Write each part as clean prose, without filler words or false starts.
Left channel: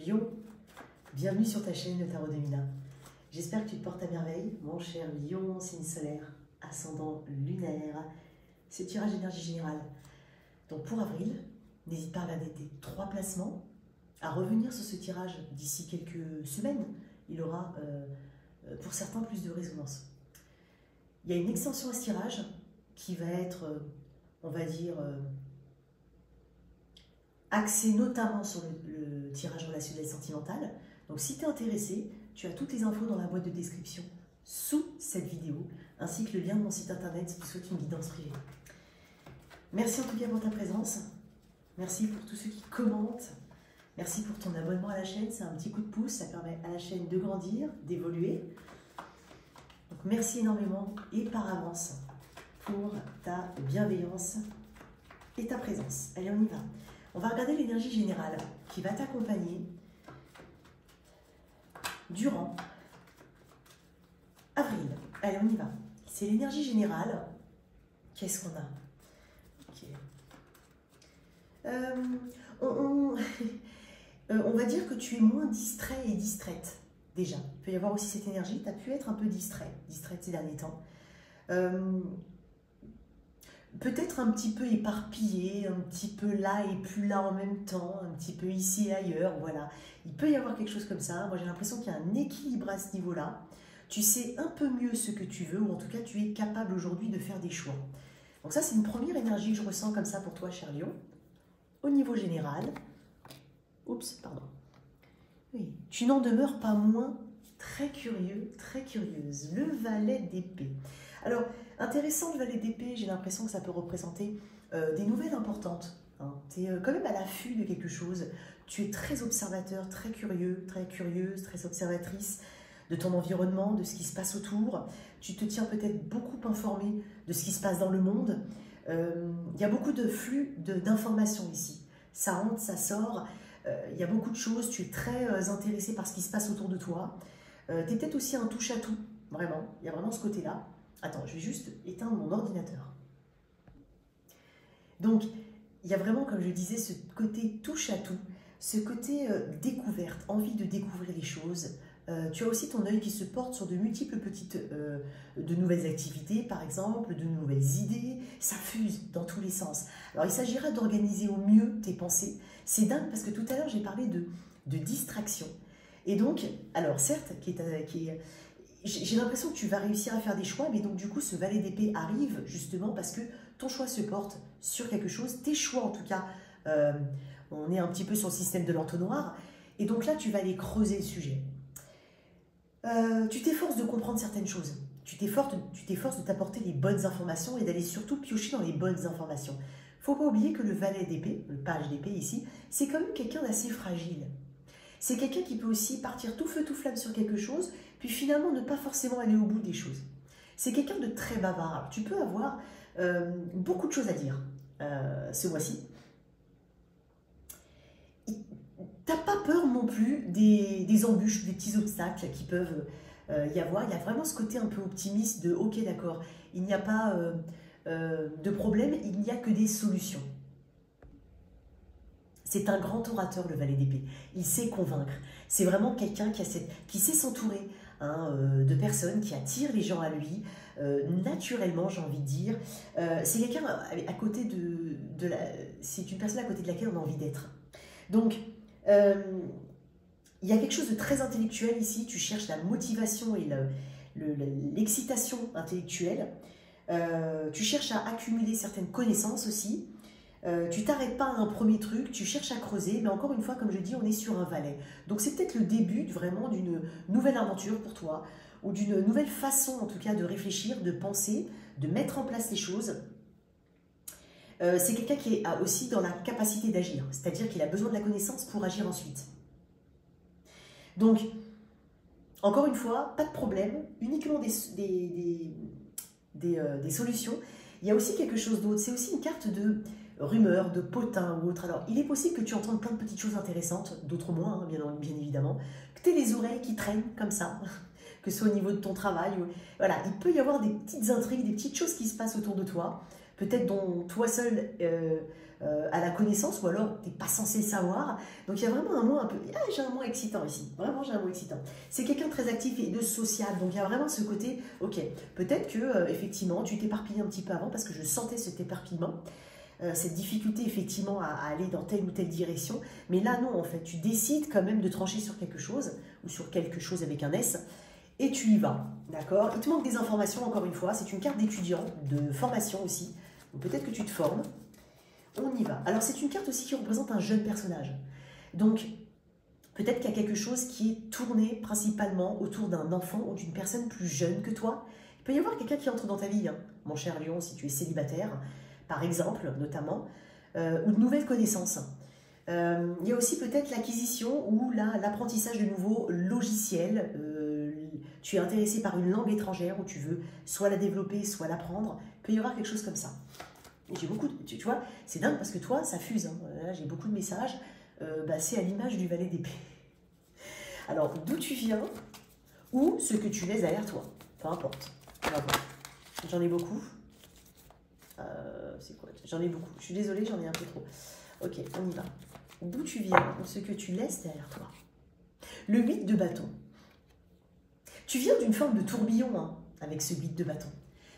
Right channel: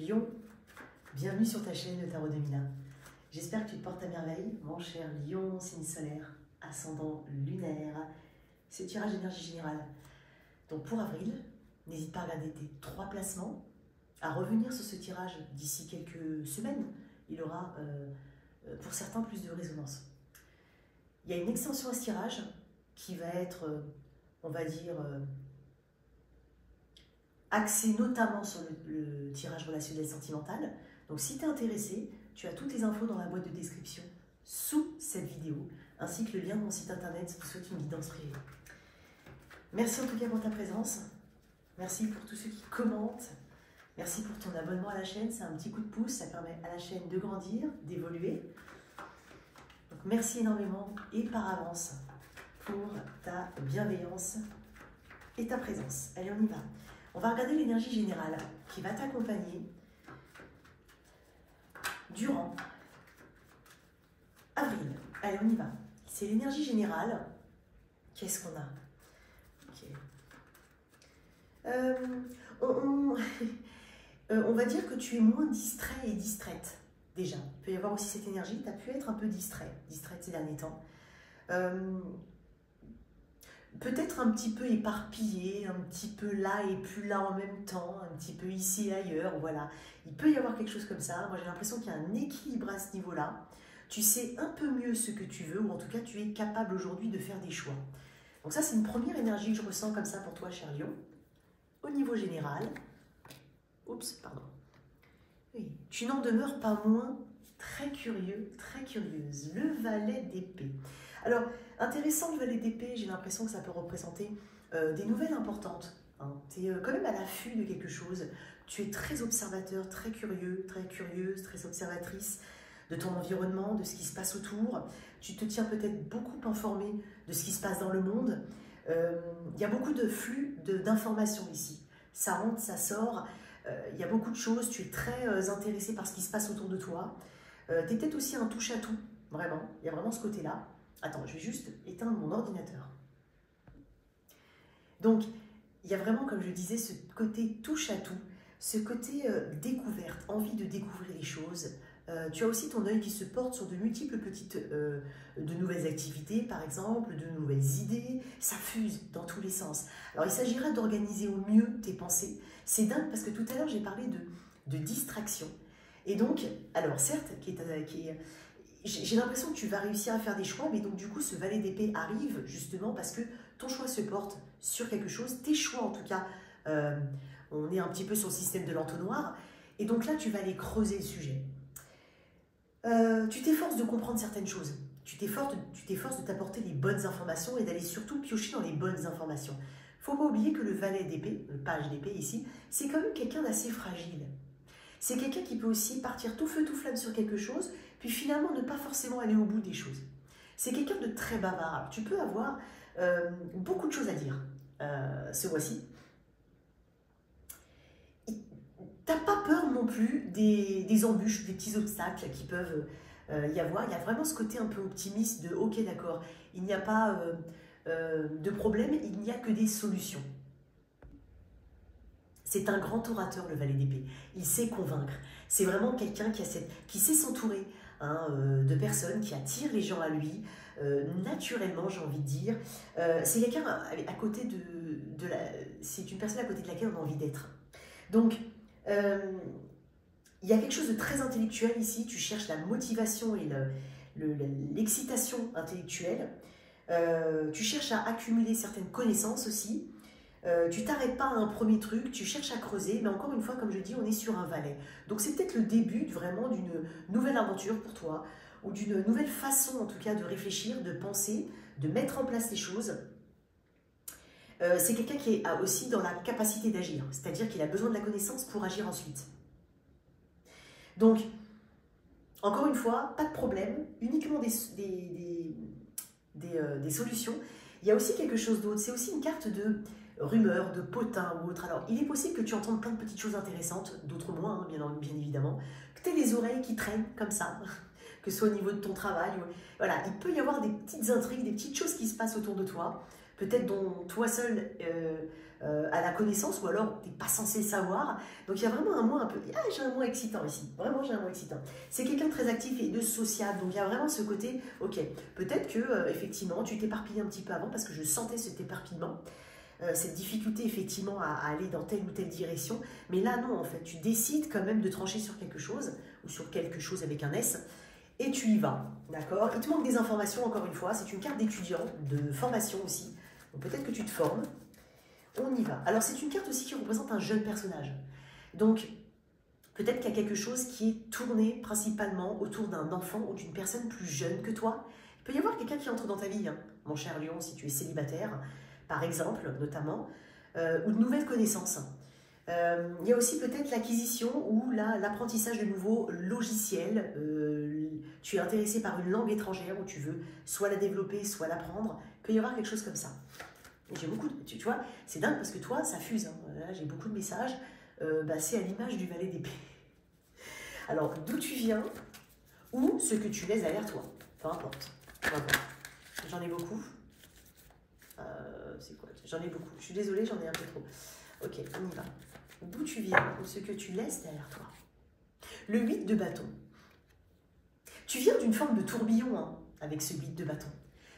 Lion, bienvenue sur ta chaîne Le Tarot de Mila. J'espère que tu te portes à merveille, mon cher Lion, signe solaire, ascendant lunaire. C'est tirage d'énergie générale. Donc pour avril, n'hésite pas à regarder tes 3 placements, à revenir sur ce tirage d'ici quelques semaines. Il aura pour certains plus de résonance. Il y a une extension à ce tirage qui va être, on va dire, axée notamment sur le tirage relationnel sentimental. Donc si tu es intéressé, tu as toutes les infos dans la boîte de description sous cette vidéo, ainsi que le lien de mon site internet si tu souhaites une guidance privée. Merci en tout cas pour ta présence. Merci pour tous ceux qui commentent. Merci pour ton abonnement à la chaîne. C'est un petit coup de pouce. Ça permet à la chaîne de grandir, d'évoluer. Donc merci énormément et par avance pour ta bienveillance et ta présence. Allez, on y va. On va regarder l'énergie générale qui va t'accompagner durant avril. Allez, on y va. C'est l'énergie générale. Qu'est-ce qu'on a? On va dire que tu es moins distrait et distraite, déjà. Il peut y avoir aussi cette énergie, tu as pu être un peu distraite ces derniers temps. Peut-être un petit peu éparpillé, un petit peu là et plus là en même temps, un petit peu ici et ailleurs, voilà. Il peut y avoir quelque chose comme ça. Moi, j'ai l'impression qu'il y a un équilibre à ce niveau-là. Tu sais un peu mieux ce que tu veux, ou en tout cas, tu es capable aujourd'hui de faire des choix. Donc ça, c'est une première énergie que je ressens comme ça pour toi, cher Lion. Au niveau général, oups, pardon. Oui, tu n'en demeures pas moins très curieux, très curieuse. Le valet d'épée. Alors, intéressant le valet d'épée, j'ai l'impression que ça peut représenter des nouvelles importantes. Hein. Tu es quand même à l'affût de quelque chose. Tu es très observateur, très curieux, très curieuse, très observatrice de ton environnement, de ce qui se passe autour. Tu te tiens peut-être beaucoup informé de ce qui se passe dans le monde. Il y a beaucoup de flux d'informations ici. Ça rentre, ça sort. Il y a beaucoup de choses. Tu es très intéressé par ce qui se passe autour de toi. Tu es peut-être aussi un touche-à-tout. Vraiment. Il y a vraiment ce côté-là. Attends, je vais juste éteindre mon ordinateur. Donc, il y a vraiment, comme je disais, ce côté touche-à-tout, ce côté découverte, envie de découvrir les choses. Tu as aussi ton œil qui se porte sur de multiples petites, de nouvelles activités, par exemple, de nouvelles idées. Ça fuse dans tous les sens. Alors, il s'agira d'organiser au mieux tes pensées. C'est dingue parce que tout à l'heure, j'ai parlé de distraction. Et donc, alors certes, j'ai l'impression que tu vas réussir à faire des choix, mais donc du coup, ce valet d'épée arrive justement parce que ton choix se porte sur quelque chose. Tes choix, en tout cas, on est un petit peu sur le système de l'entonnoir. Et donc là, tu vas aller creuser le sujet. Tu t'efforces de comprendre certaines choses. Tu t'efforces de t'apporter les bonnes informations et d'aller surtout piocher dans les bonnes informations. Il ne faut pas oublier que le valet d'épée, le page d'épée ici, c'est quand même quelqu'un d'assez fragile. C'est quelqu'un qui peut aussi partir tout feu tout flamme sur quelque chose, puis finalement ne pas forcément aller au bout des choses. C'est quelqu'un de très bavard. Alors, tu peux avoir beaucoup de choses à dire ce mois-ci. T'as pas peur non plus des embûches, des petits obstacles qui peuvent y avoir. Il y a vraiment ce côté un peu optimiste de « ok, d'accord, il n'y a pas de problème, il n'y a que des solutions ». C'est un grand orateur, le valet d'épée. Il sait convaincre. C'est vraiment quelqu'un qui sait s'entourer de personnes, qui attirent les gens à lui, naturellement, j'ai envie de dire. C'est quelqu'un à côté c'est une personne à côté de laquelle on a envie d'être. Donc, il y a quelque chose de très intellectuel ici. Tu cherches la motivation et l'excitation intellectuelle. Tu cherches à accumuler certaines connaissances aussi. Tu t'arrêtes pas à un premier truc, tu cherches à creuser, mais encore une fois, comme je dis, on est sur un valet. Donc c'est peut-être le début vraiment d'une nouvelle aventure pour toi, ou d'une nouvelle façon en tout cas de réfléchir, de penser, de mettre en place les choses. C'est quelqu'un qui est aussi dans la capacité d'agir, c'est-à-dire qu'il a besoin de la connaissance pour agir ensuite. Donc, encore une fois, pas de problème, uniquement des solutions. Il y a aussi quelque chose d'autre, c'est aussi une carte de rumeurs, de potins ou autre. Alors, il est possible que tu entendes plein de petites choses intéressantes, d'autres moins, hein, bien évidemment, que tu aies les oreilles qui traînent comme ça, que ce soit au niveau de ton travail. Voilà, il peut y avoir des petites intrigues, des petites choses qui se passent autour de toi, peut-être dont toi seul à la connaissance, ou alors tu n'es pas censé savoir. Donc il y a vraiment un mot un peu... Ah, j'ai un mot excitant ici, vraiment j'ai un mot excitant. C'est quelqu'un de très actif et de social, donc il y a vraiment ce côté, ok, peut-être que effectivement tu t'éparpilles un petit peu avant, parce que je sentais cet éparpillement, cette difficulté effectivement à aller dans telle ou telle direction, mais là non, en fait, tu décides quand même de trancher sur quelque chose, ou sur quelque chose avec un S, et tu y vas, d'accord? Il te manque des informations, encore une fois, c'est une carte d'étudiant, de formation aussi, donc peut-être que tu te formes. On y va. Alors c'est une carte aussi qui représente un jeune personnage. Donc peut-être qu'il y a quelque chose qui est tourné principalement autour d'un enfant ou d'une personne plus jeune que toi. Il peut y avoir quelqu'un qui entre dans ta vie, hein, mon cher Lion, si tu es célibataire, par exemple, notamment, ou de nouvelles connaissances. Il y a aussi peut-être l'acquisition ou l'apprentissage de nouveaux logiciels. Tu es intéressé par une langue étrangère où tu veux soit la développer, soit l'apprendre. Il peut y avoir quelque chose comme ça. J'ai beaucoup de, tu vois, c'est dingue parce que toi, ça fuse. Hein. J'ai beaucoup de messages. C'est à l'image du valet d'épée. Alors, d'où tu viens ou ce que tu laisses derrière toi. Peu importe. J'en ai beaucoup. C'est quoi? J'en ai beaucoup. Je suis désolée, j'en ai un peu trop. Ok, on y va. D'où tu viens ou ce que tu laisses derrière toi. Le 8 de bâton. Tu viens d'une forme de tourbillon hein, avec ce 8 de bâton.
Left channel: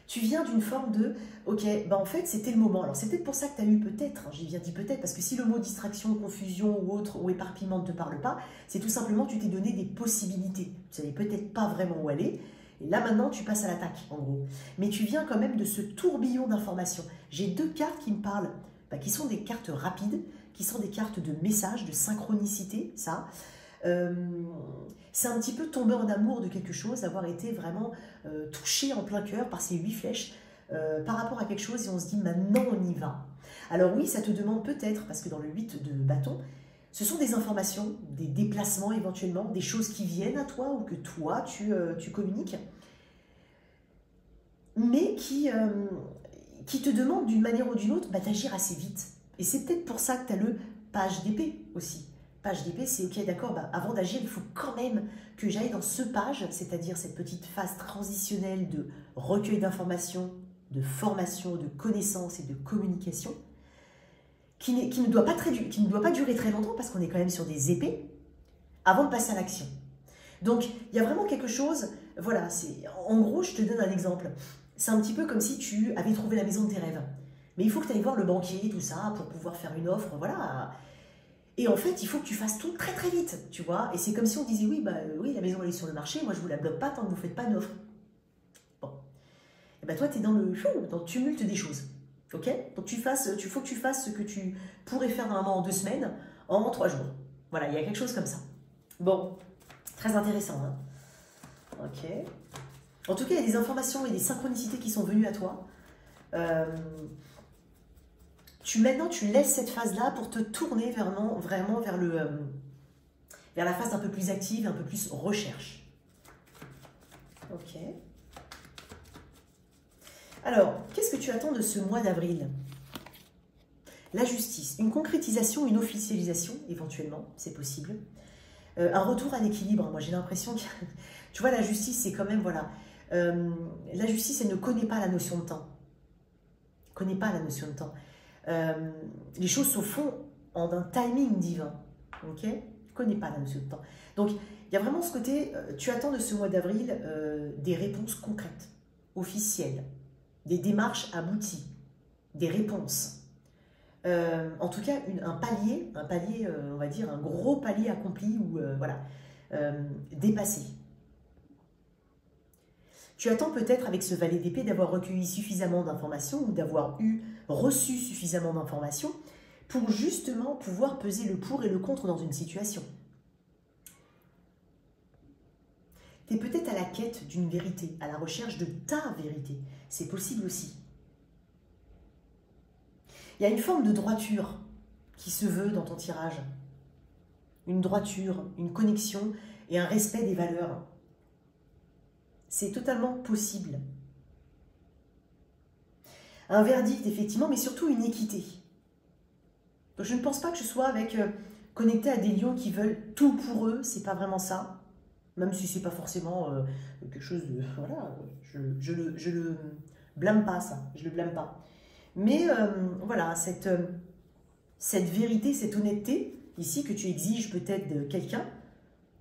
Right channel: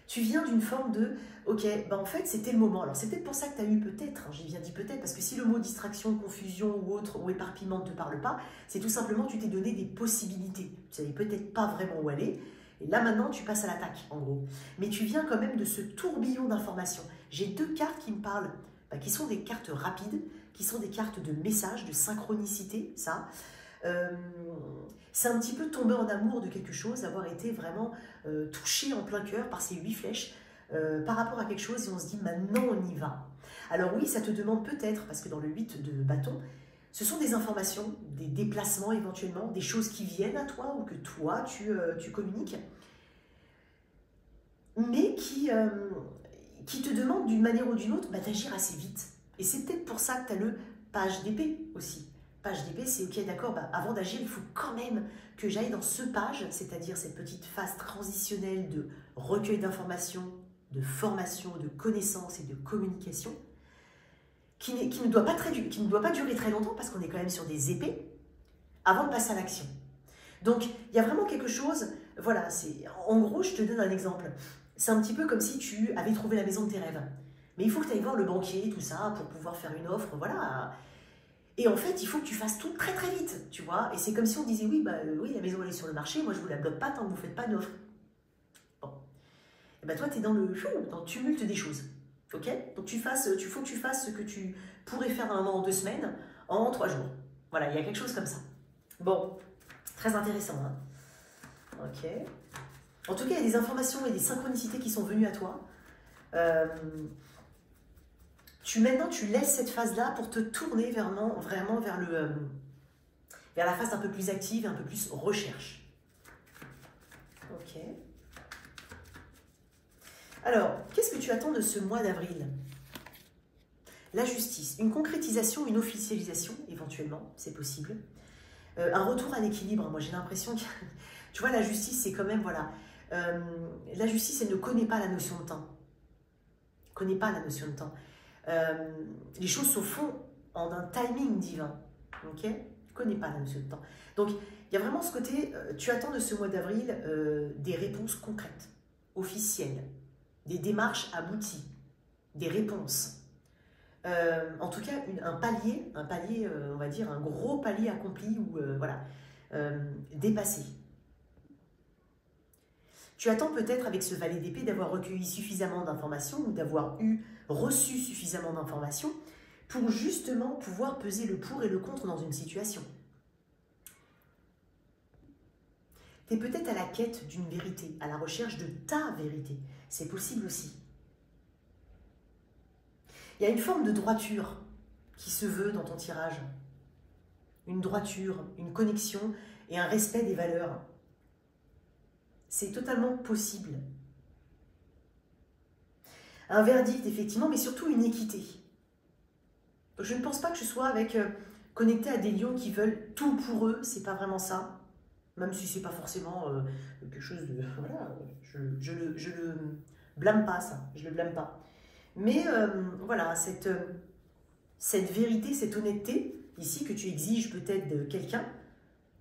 Tu viens d'une forme de, ok, en fait, c'était le moment. Alors, c'est peut-être pour ça que tu as eu peut-être, hein, j'ai bien dit peut-être, parce que si le mot distraction, confusion ou autre, ou éparpillement ne te parle pas, c'est tout simplement tu t'es donné des possibilités. Tu savais peut-être pas vraiment où aller. Et là, maintenant, tu passes à l'attaque, en gros. Mais tu viens quand même de ce tourbillon d'informations. J'ai deux cartes qui me parlent, qui sont des cartes rapides, qui sont des cartes de message, de synchronicité, ça. C'est un petit peu tomber en amour de quelque chose, avoir été vraiment touché en plein cœur par ces 8 flèches par rapport à quelque chose et on se dit maintenant on y va. Alors oui, ça te demande peut-être, parce que dans le 8 de bâton, ce sont des informations, des déplacements éventuellement, des choses qui viennent à toi ou que toi tu communiques, mais qui te demandent d'une manière ou d'une autre d'agir assez vite. Et c'est peut-être pour ça que tu as le page d'épée aussi. Page d'épée, c'est ok, d'accord, avant d'agir, il faut quand même que j'aille dans ce page, c'est-à-dire cette petite phase transitionnelle de recueil d'informations, de formation, de connaissances et de communication, qui ne doit pas durer très longtemps parce qu'on est quand même sur des épées, avant de passer à l'action. Donc, il y a vraiment quelque chose, voilà, en gros, je te donne un exemple. C'est un petit peu comme si tu avais trouvé la maison de tes rêves. Mais il faut que tu ailles voir le banquier, tout ça, pour pouvoir faire une offre, voilà. Et en fait, il faut que tu fasses tout très très vite, tu vois. Et c'est comme si on disait, oui, oui, la maison elle est sur le marché, moi je vous la bloque pas tant que vous ne faites pas d'offre. Bon. Et toi, tu es dans le tumulte des choses. Ok? Donc il faut que tu fasses ce que tu pourrais faire normalement en 2 semaines, en 3 jours. Voilà, il y a quelque chose comme ça. Bon, très intéressant. Hein? Ok. En tout cas, il y a des informations et des synchronicités qui sont venues à toi. Maintenant, tu laisses cette phase-là pour te tourner vraiment vers la phase un peu plus active, un peu plus recherche. Ok. Alors, qu'est-ce que tu attends de ce mois d'avril? La justice, une concrétisation, une officialisation, éventuellement, c'est possible. Un retour à l'équilibre, moi j'ai l'impression que... Tu vois, la justice, c'est quand même, voilà... la justice, elle ne connaît pas la notion de temps. Elle ne connaît pas la notion de temps. Les choses se font en un timing divin. Ok? Ne connais pas la notion de temps. Donc, il y a vraiment ce côté, tu attends de ce mois d'avril des réponses concrètes, officielles, des démarches abouties, des réponses. En tout cas, un palier, on va dire, un gros palier accompli ou voilà, dépassé. Tu attends peut-être avec ce valet d'épée d'avoir recueilli suffisamment d'informations ou d'avoir reçu suffisamment d'informations pour justement pouvoir peser le pour et le contre dans une situation. Tu es peut-être à la quête d'une vérité, à la recherche de ta vérité. C'est possible aussi. Il y a une forme de droiture qui se veut dans ton tirage. Une droiture, une connexion et un respect des valeurs. C'est totalement possible. Un verdict, effectivement, mais surtout une équité. Donc, je ne pense pas que je sois connecté à des lions qui veulent tout pour eux, c'est pas vraiment ça. Même si c'est pas forcément quelque chose de... Voilà, je le blâme pas, ça. Je le blâme pas. Mais voilà, cette vérité, cette honnêteté, ici, que tu exiges peut-être de quelqu'un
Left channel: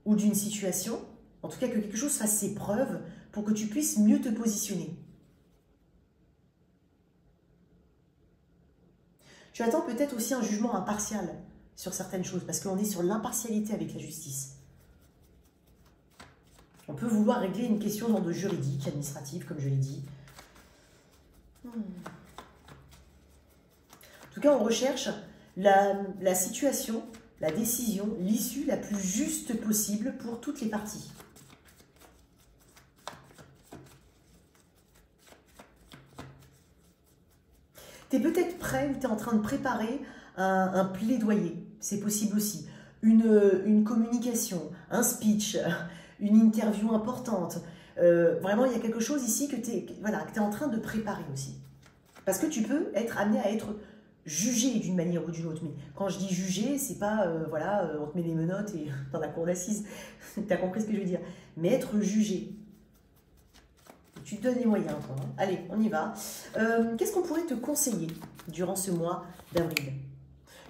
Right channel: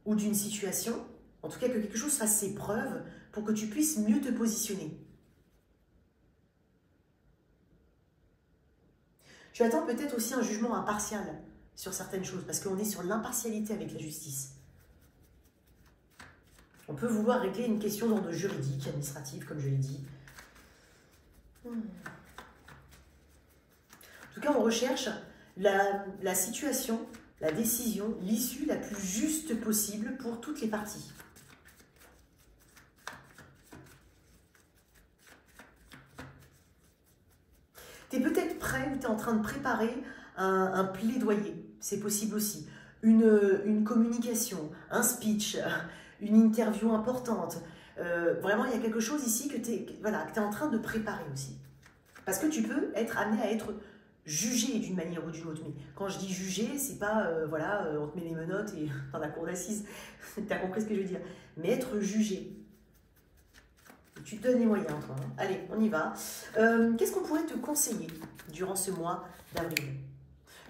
ou d'une situation, en tout cas que quelque chose fasse ses preuves pour que tu puisses mieux te positionner. Tu attends peut-être aussi un jugement impartial sur certaines choses, parce qu'on est sur l'impartialité avec la justice. On peut vouloir régler une question d'ordre juridique, administratif, comme je l'ai dit. En tout cas, on recherche la situation, la décision, l'issue la plus juste possible pour toutes les parties. Tu es peut-être prêt ou tu es en train de préparer un plaidoyer, c'est possible aussi. Une communication, un speech, une interview importante. Vraiment, il y a quelque chose ici que tu es en train de préparer aussi. Parce que tu peux être amené à être jugé d'une manière ou d'une autre. Mais quand je dis jugé, c'est pas, on te met les menottes et dans la cour d'assises. Tu as compris ce que je veux dire. Mais être jugé. Tu te donnes les moyens, toi. Hein. Allez, on y va. Qu'est-ce qu'on pourrait te conseiller durant ce mois d'avril?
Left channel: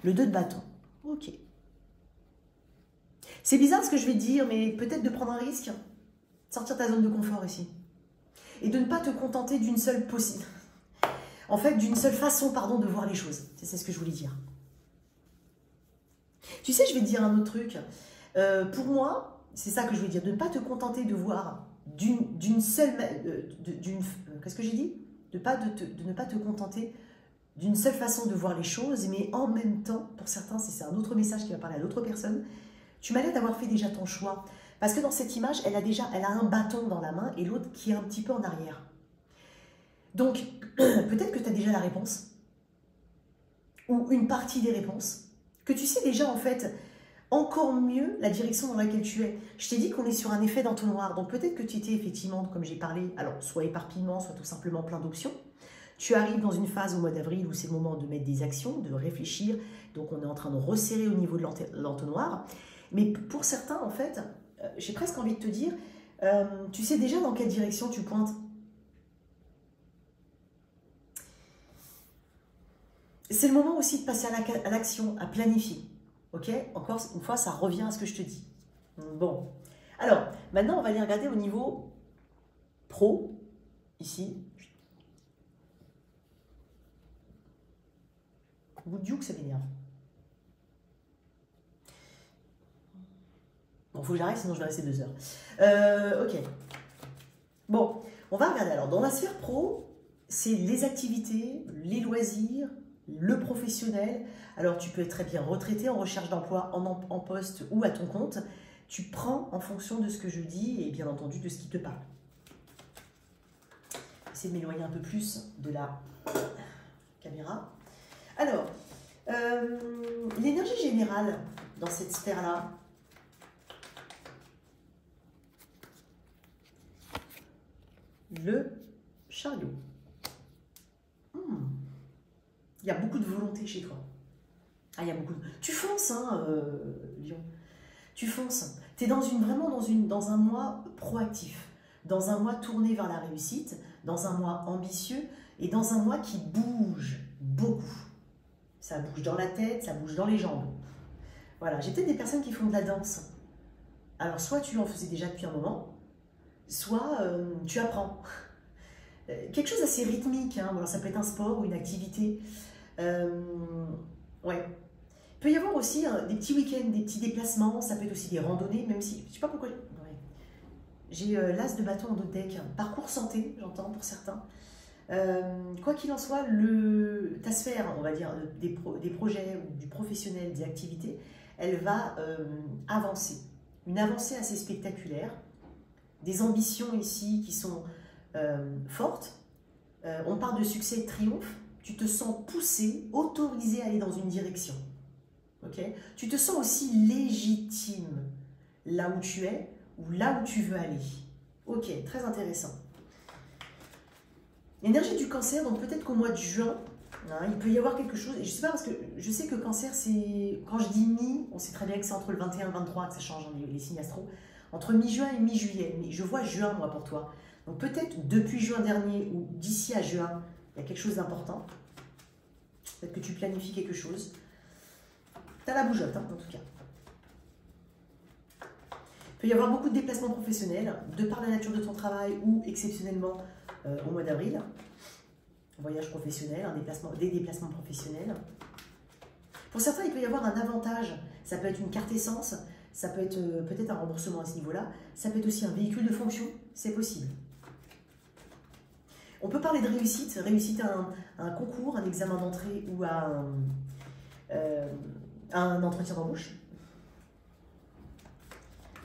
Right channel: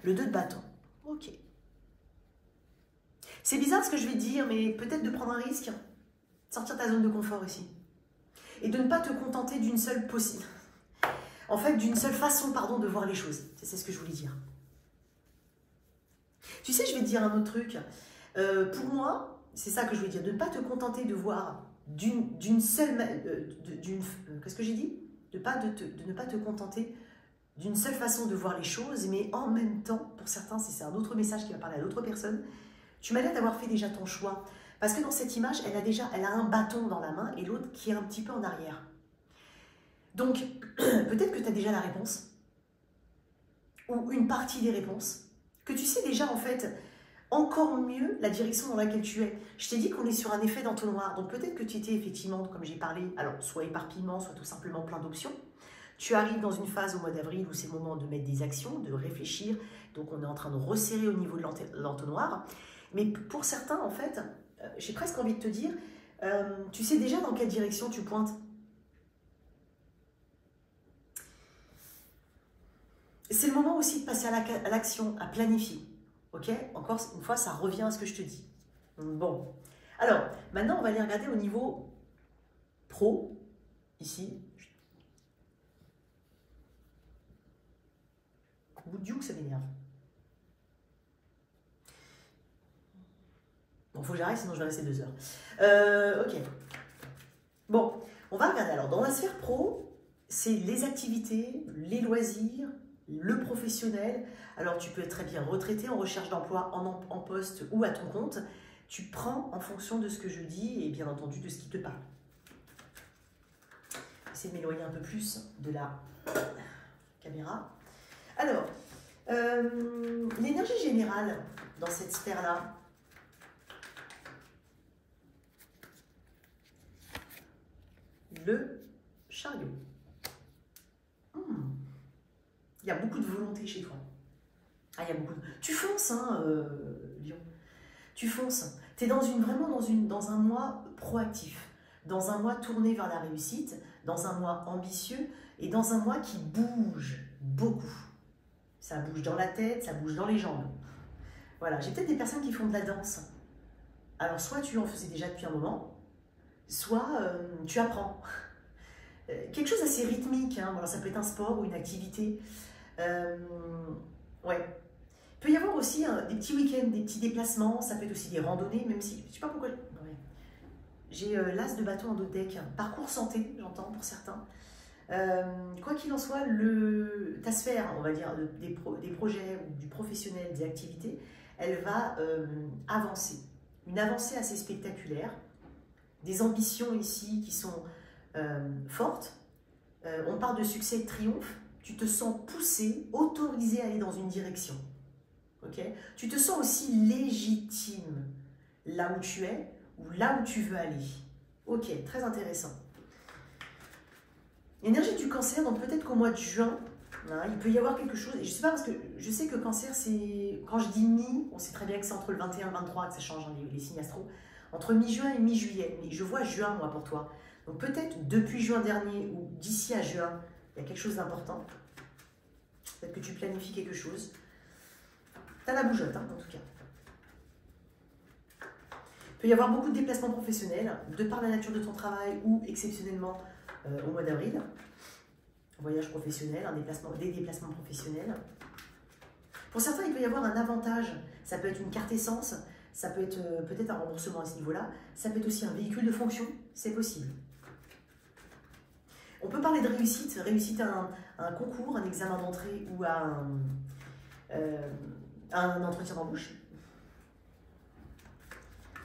Le 2 de bâton. Ok. C'est bizarre ce que je vais te dire, mais peut-être de prendre un risque. Sortir ta zone de confort ici. Et de ne pas te contenter d'une seule possible. En fait, d'une seule façon, de voir les choses. C'est ce que je voulais dire. Tu sais, je vais te dire un autre truc. Pour moi, c'est ça que je voulais dire. De ne pas te contenter de voir d'une seule... Qu'est-ce que j'ai dit? De ne pas te contenter d'une seule façon de voir les choses, mais en même temps, pour certains, c'est un autre message qui va parler à l'autre personne, tu m'as l'air d'avoir fait déjà ton choix. Parce que dans cette image, elle a un bâton dans la main et l'autre qui est un petit peu en arrière. Donc, peut-être que tu as déjà la réponse, ou une partie des réponses, que tu sais déjà en fait encore mieux la direction dans laquelle tu es. Je t'ai dit qu'on est sur un effet d'entonnoir, donc peut-être que tu étais effectivement, comme j'ai parlé, alors soit éparpillement, soit tout simplement plein d'options. Tu arrives dans une phase au mois d'avril où c'est le moment de mettre des actions, de réfléchir, donc on est en train de resserrer au niveau de l'entonnoir. Mais pour certains, en fait, j'ai presque envie de te dire, tu sais déjà dans quelle direction tu pointes. C'est le moment aussi de passer à l'action, à planifier. Ok? Encore une fois, ça revient à ce que je te dis. Bon. Alors, maintenant, on va aller regarder au niveau pro, ici. Bout de que ça m'énerve. Bon, faut que j'arrête, sinon je vais rester 2 heures. Ok. Bon, on va regarder. Alors, dans la sphère pro, c'est les activités, les loisirs, le professionnel. Alors, tu peux être très bien retraité, en recherche d'emploi, en poste ou à ton compte. Tu prends en fonction de ce que je dis et bien entendu de ce qui te parle. J'essaie de m'éloigner un peu plus de la caméra. Alors, l'énergie générale dans cette sphère-là, le chariot. Il y a beaucoup de volonté chez toi. Ah, il y a beaucoup de... Tu fonces, hein, Lion. Tu fonces. Tu es dans un mois proactif, dans un mois tourné vers la réussite, dans un mois ambitieux et dans un mois qui bouge beaucoup. Ça bouge dans la tête, ça bouge dans les jambes. Voilà, j'ai peut-être des personnes qui font de la danse. Alors, soit tu en faisais déjà depuis un moment, soit tu apprends. Quelque chose d'assez rythmique, hein. Alors, ça peut être un sport ou une activité. Ouais. Il peut y avoir aussi des petits week-ends, des petits déplacements, ça peut être aussi des randonnées, même si, je ne sais pas pourquoi, ouais. J'ai l'as de bâton en dos de deck, parcours santé, j'entends pour certains. Quoi qu'il en soit, ta sphère, on va dire, des projets, ou du professionnel, des activités, elle va avancer. Une avancée assez spectaculaire, des ambitions ici qui sont fortes. On parle de succès et de triomphe. Tu te sens poussé, autorisé à aller dans une direction. Okay? Tu te sens aussi légitime là où tu es ou là où tu veux aller. Ok, très intéressant. L'énergie du cancer, donc peut-être qu'au mois de juin, hein, il peut y avoir quelque chose, et je sais pas parce que je sais que cancer, c'est, quand je dis mi, on sait très bien que c'est entre le 21 et le 23 que ça change hein, les signes astro, entre mi-juin et mi-juillet, mais je vois juin moi pour toi. Donc peut-être depuis juin dernier ou d'ici à juin, il y a quelque chose d'important. Peut-être que tu planifies quelque chose. Tu as la bougeotte, hein, en tout cas. Il peut y avoir beaucoup de déplacements professionnels, de par la nature de ton travail ou exceptionnellement au mois d'avril. Voyage professionnel, des déplacements professionnels. Pour certains, il peut y avoir un avantage. Ça peut être une carte essence, ça peut être peut-être un remboursement à ce niveau-là. Ça peut être aussi un véhicule de fonction, c'est possible. On peut parler de réussite, réussite à un concours, un examen d'entrée ou à un entretien d'embauche.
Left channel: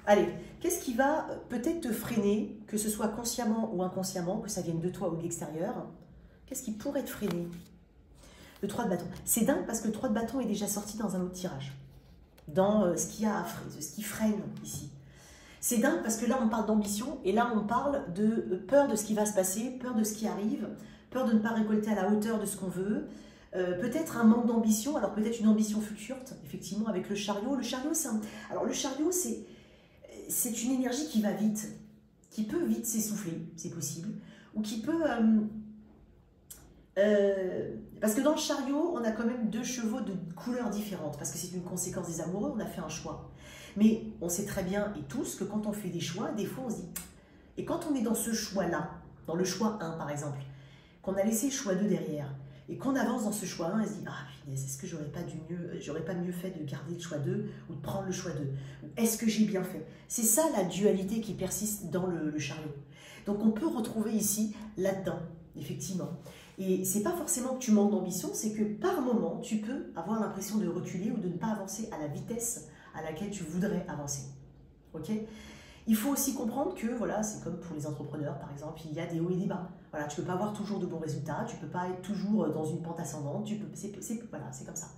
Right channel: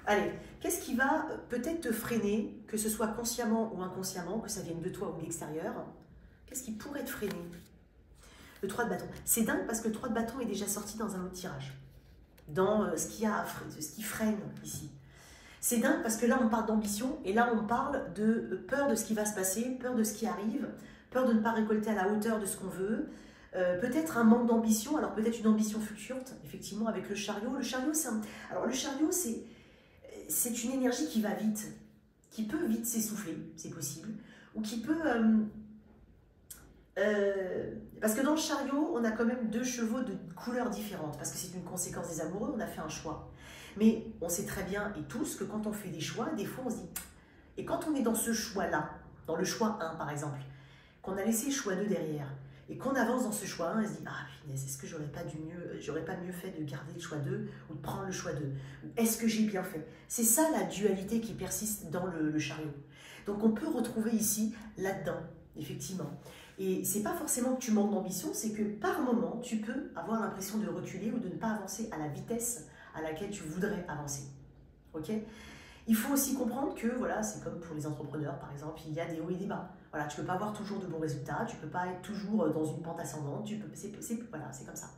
Allez, qu'est-ce qui va peut-être te freiner, que ce soit consciemment ou inconsciemment, que ça vienne de toi ou de l'extérieur? Qu'est-ce qui pourrait te freiner? Le 3 de bâton. C'est dingue parce que le 3 de bâton est déjà sorti dans un autre tirage. Dans ce qui freine ici. C'est dingue parce que là on parle d'ambition et là on parle de peur de ce qui va se passer, peur de ce qui arrive, peur de ne pas récolter à la hauteur de ce qu'on veut. Peut-être un manque d'ambition, alors peut-être une ambition fluctuante, effectivement, avec le chariot. Le chariot, c'est une énergie qui va vite, qui peut vite s'essouffler, c'est possible, ou qui peut... parce que dans le chariot, on a quand même 2 chevaux de couleurs différentes, parce que c'est une conséquence des amoureux, on a fait un choix. Mais on sait très bien, et tous, que quand on fait des choix, des fois on se dit... Et quand on est dans ce choix-là, dans le choix 1 par exemple, qu'on a laissé le choix 2 derrière, et qu'on avance dans ce choix 1, on se dit « Ah, punaise, est-ce que j'aurais pas mieux fait de garder le choix 2 ou de prendre le choix 2 ?» Est-ce que j'ai bien fait? C'est ça la dualité qui persiste dans le chariot. Donc on peut retrouver ici, là-dedans, effectivement. Et c'est pas forcément que tu manques d'ambition, c'est que par moment, tu peux avoir l'impression de reculer ou de ne pas avancer à la vitesse à laquelle tu voudrais avancer. Ok? Il faut aussi comprendre que, voilà, c'est comme pour les entrepreneurs, par exemple, il y a des hauts et des bas. Voilà, tu ne peux pas avoir toujours de bons résultats, tu ne peux pas être toujours dans une pente ascendante, voilà, c'est comme ça.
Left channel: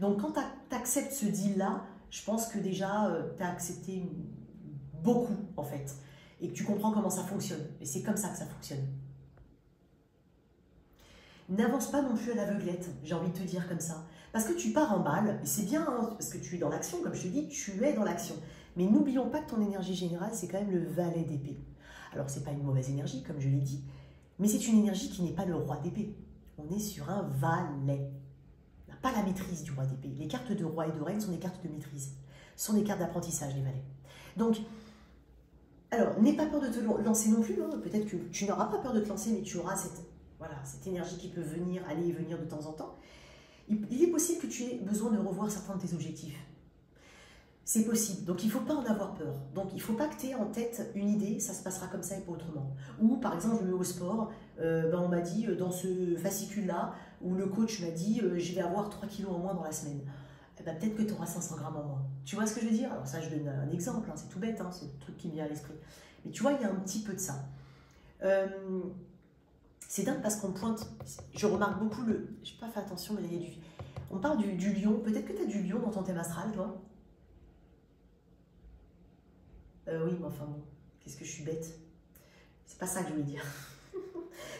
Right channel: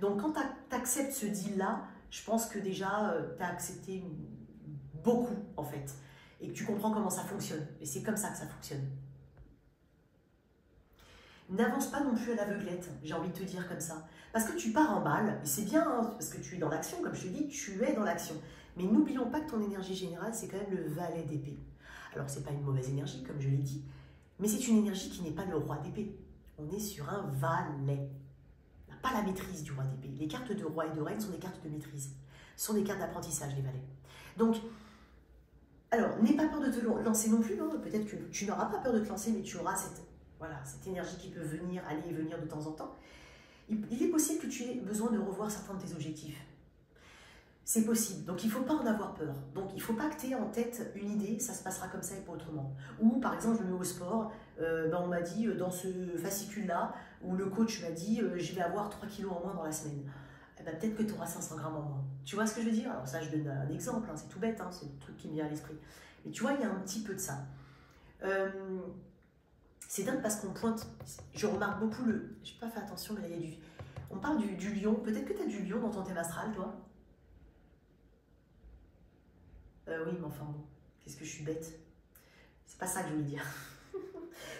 Donc, quand tu acceptes ce deal-là, je pense que déjà, tu as accepté beaucoup, en fait, et que tu comprends comment ça fonctionne. Et c'est comme ça que ça fonctionne. N'avance pas non plus à l'aveuglette, j'ai envie de te dire comme ça. Parce que tu pars en balle, et c'est bien, hein, parce que tu es dans l'action, comme je te dis, tu es dans l'action. Mais n'oublions pas que ton énergie générale, c'est quand même le valet d'épée. Alors, ce n'est pas une mauvaise énergie, comme je l'ai dit, mais c'est une énergie qui n'est pas le roi d'épée. On est sur un valet. On n'a pas la maîtrise du roi d'épée. Les cartes de roi et de reine sont des cartes de maîtrise. Ce sont des cartes d'apprentissage, les valets. Donc, alors, n'aie pas peur de te lancer non plus. Hein. Peut-être que tu n'auras pas peur de te lancer, mais tu auras cette énergie qui peut venir, aller et venir de temps en temps. Il est possible que tu aies besoin de revoir certains de tes objectifs. C'est possible, donc il ne faut pas en avoir peur. Donc il ne faut pas que tu aies en tête une idée, ça se passera comme ça et pas autrement. Ou par exemple, je me mets au sport, on m'a dit dans ce fascicule-là, où le coach m'a dit je vais avoir 3 kilos en moins dans la semaine. Eh ben, peut-être que tu auras 500 grammes en moins. Tu vois ce que je veux dire? Alors ça, je donne un exemple, hein, c'est tout bête, hein, c'est le truc qui me vient à l'esprit. Mais tu vois, il y a un petit peu de ça. C'est dingue parce qu'on pointe, je remarque beaucoup je n'ai pas fait attention, mais là, il y a on parle du lion. Peut-être que tu as du lion dans ton thème astral, toi? Oui, mais enfin bon, qu'est-ce que je suis bête. C'est pas ça que je voulais dire.